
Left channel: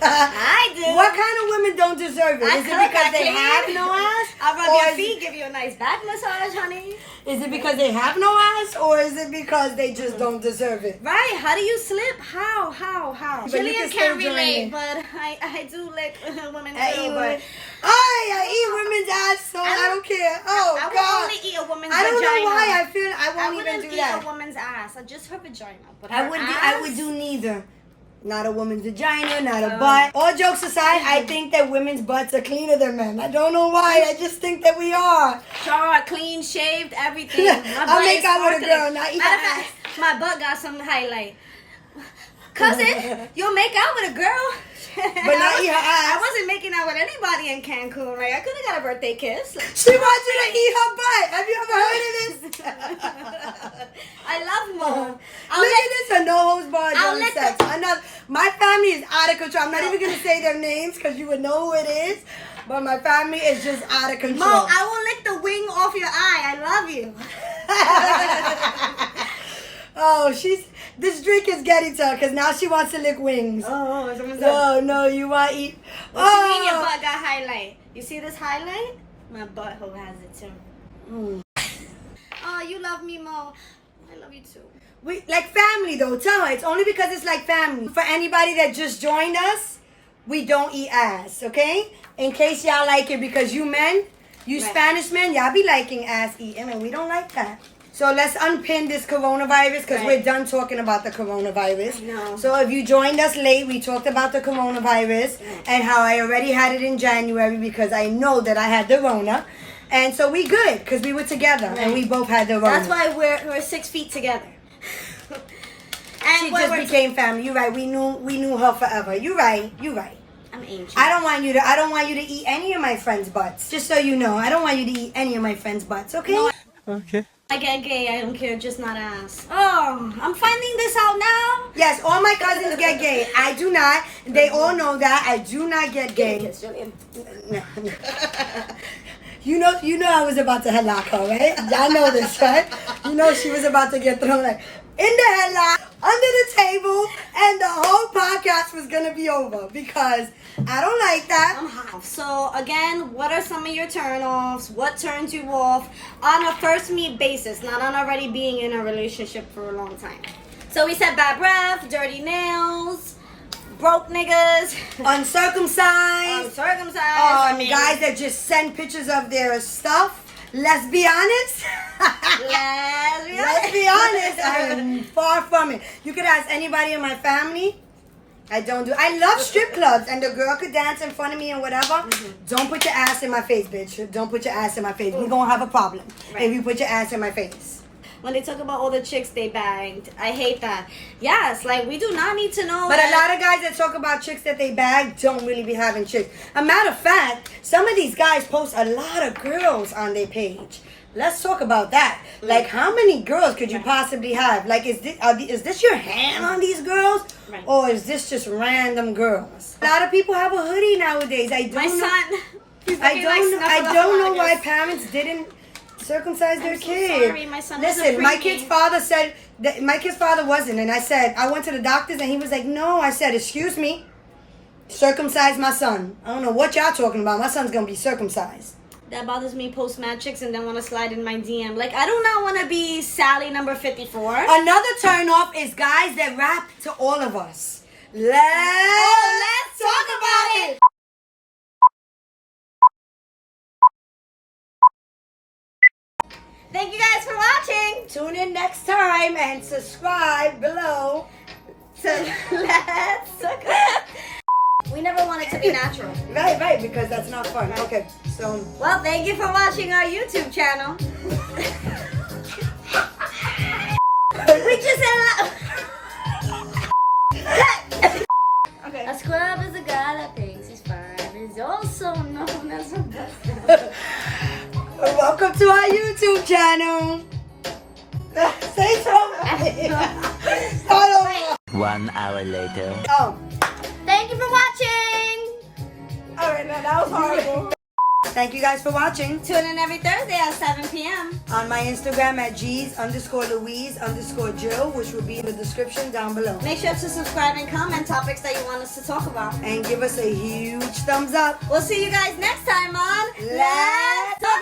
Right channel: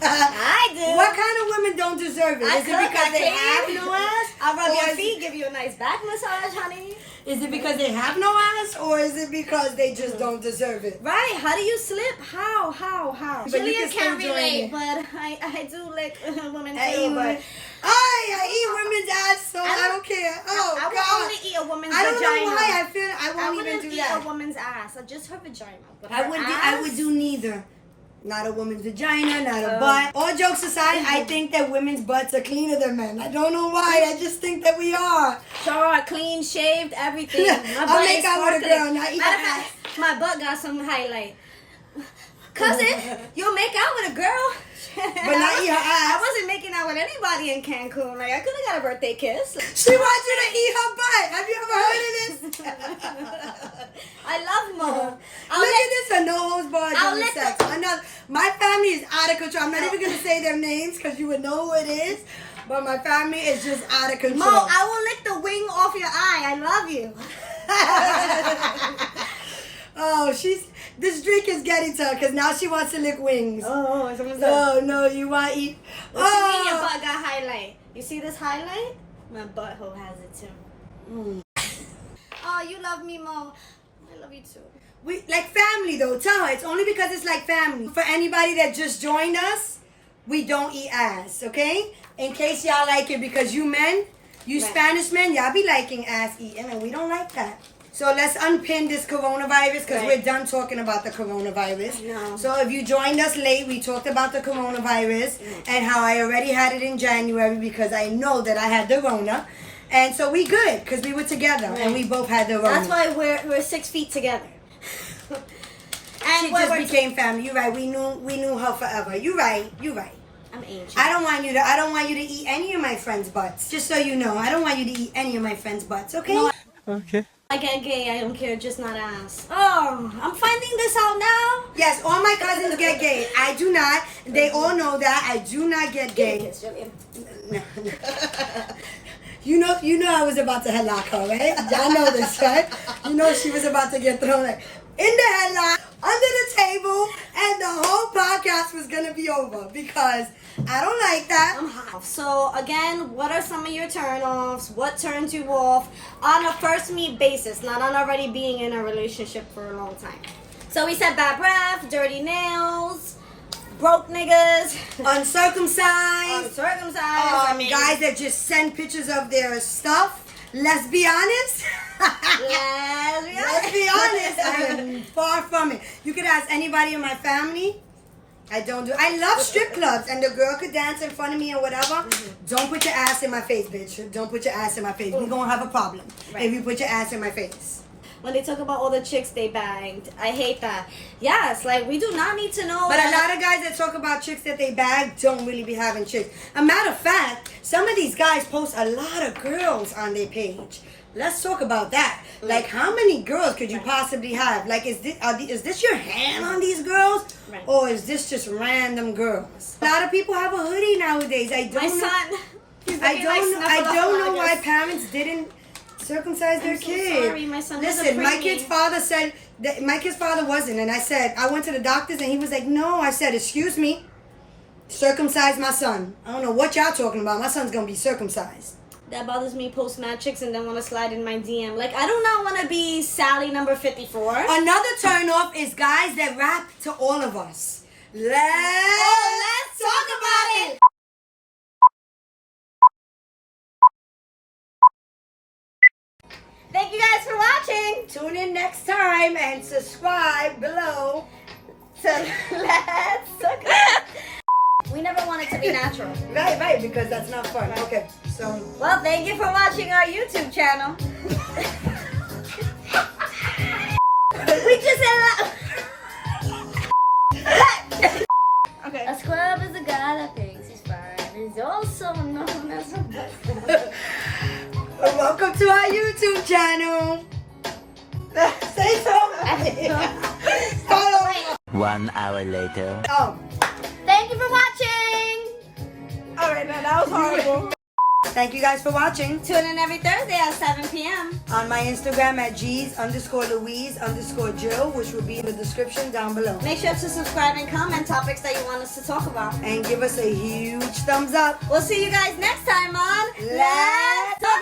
I do. What kind of women don't deserve it? I Is it cook, because I they clean. have no ass? I'll rub Or your is feet, give you a nice back massage, honey. Is it because they have no ass, or is it because they just don't deserve it? Right? How do you slip? How? But you Jillian can still can't join relate, it. but I do lick women I too. eat But women. I eat women's ass, so I don't care. Oh, I God. will only eat a woman's I don't vagina. know why I feel I I won't wouldn't even do eat that. a woman's ass. Just her vagina. But I her would ass, do neither. Not a woman's vagina, not a butt. All jokes aside, I think that women's butts are cleaner than men. I don't know why. I just think that we are. Short, clean, shaved, everything. My I'll butt make is out with a sparkling. girl, not even Matter of ass. fact, my butt got some highlight. Cousin, you'll make out with a girl. But not eat her ass. I wasn't making out with anybody in Cancun. Like, I could have got a birthday kiss. She wants you to eat her butt. Have you ever heard of this? I love Mo. Look at this, a no holds barred I'll during lick sex. My family is out of control. I'm not even gonna say their names because you would know who it is. But my family is just out of control. Mo, I will lick the wing off your eye. I love you. Oh, this drink is getting to her because now she wants to lick wings. Oh, someone said. No, you want to eat. What you mean your butt got highlight? You see this highlight? My butthole has it too. Oh, you love me, Mo. I love you too. We like family though. Tell her it's only because it's like family. For anybody that just joined us, we don't eat ass, okay? In case y'all like it, because you men, you Right. Spanish men, y'all be liking ass eating, and we don't like that. So let's unpin this coronavirus because Right. we're done talking about the coronavirus. I know. So if you joined us late, we talked about the coronavirus and how I already had it in January because I know that I had the Rona. And so we good because we were together and we both had the Rona. That's why we're 6 feet together. And She we're, just became family. You're right. We knew her forever. You're right. I'm ancient. I don't want you to eat any of my friends' butts. Just so you know, I don't want you to eat any of my friends' butts. Okay? No, Okay. I get gay. I don't care. Just not ass. Oh, I'm finding this out now. Yes, all my cousins get gay. I do not. They all know that I do not get gay. Kiss, Julian. No. You know I was about to headlock her, right? I know this, right? You know she was about to get thrown like in the headlock, under the table, and the whole podcast was gonna be over because I don't like that. I'm hot. So again, what are some of your turn-offs? What turns you off on a first meet basis, not on already being in a relationship for a long time? So we said bad breath, dirty nails, broke niggas, Uncircumcised. uncircumcised. Guys that just send pictures of their stuff. Let's be honest. Let's be honest. I'm far from it. You could ask anybody in my family. I don't do. I love strip clubs, and the girl could dance in front of me and whatever. Don't put your ass in my face, bitch. Don't put your ass in my face. We're gonna have a problem if you put your ass in my face. When they talk about all the chicks they banged, I hate that. Yes, like we do not need to know. But that. a lot of guys that talk about chicks that they bag don't really be having chicks. A matter of fact, some of these guys post a lot of girls on their page. Let's talk about that. Like, how many girls could you possibly have? Like, is this your hand on these girls? Right. Or is this just random girls? A lot of people have a hoodie nowadays. I don't My know. son, he's I looking like don't know why Snuffleupagus. parents didn't circumcise their I'm so kid. sorry, my son was a Listen, my preemie. kid's father said that my kid's father wasn't, and I said I went to the doctors, and he was like, "No." I said, "Excuse me, circumcise my son." I don't know what y'all talking about. My son's gonna be circumcised. That bothers me. Post mad chicks and then want to slide in my DM. Like I do not want to be Sally number 54. Another turn off is guys that rap to all of us. Let's talk about it. Thank you guys for watching. Tune in next time and subscribe below. So let's talk. We never want it to be natural. Right, because that's not fun. Okay, so Well, thank you for watching our YouTube channel. We just said a scrub is a guy that thinks he's fine. He's also known as a buster. welcome to our YouTube channel. Say something. Start 1 hour later. over. Thank you for watching. All right, man, that was horrible. Thank you guys for watching. Tune in every Thursday at 7 p.m. On my Instagram at G's_Louise_Jill, which will be in the description down below. Make sure to subscribe and comment topics that you want us to talk about. And give us a huge thumbs up. We'll see you guys next time on Let's Talk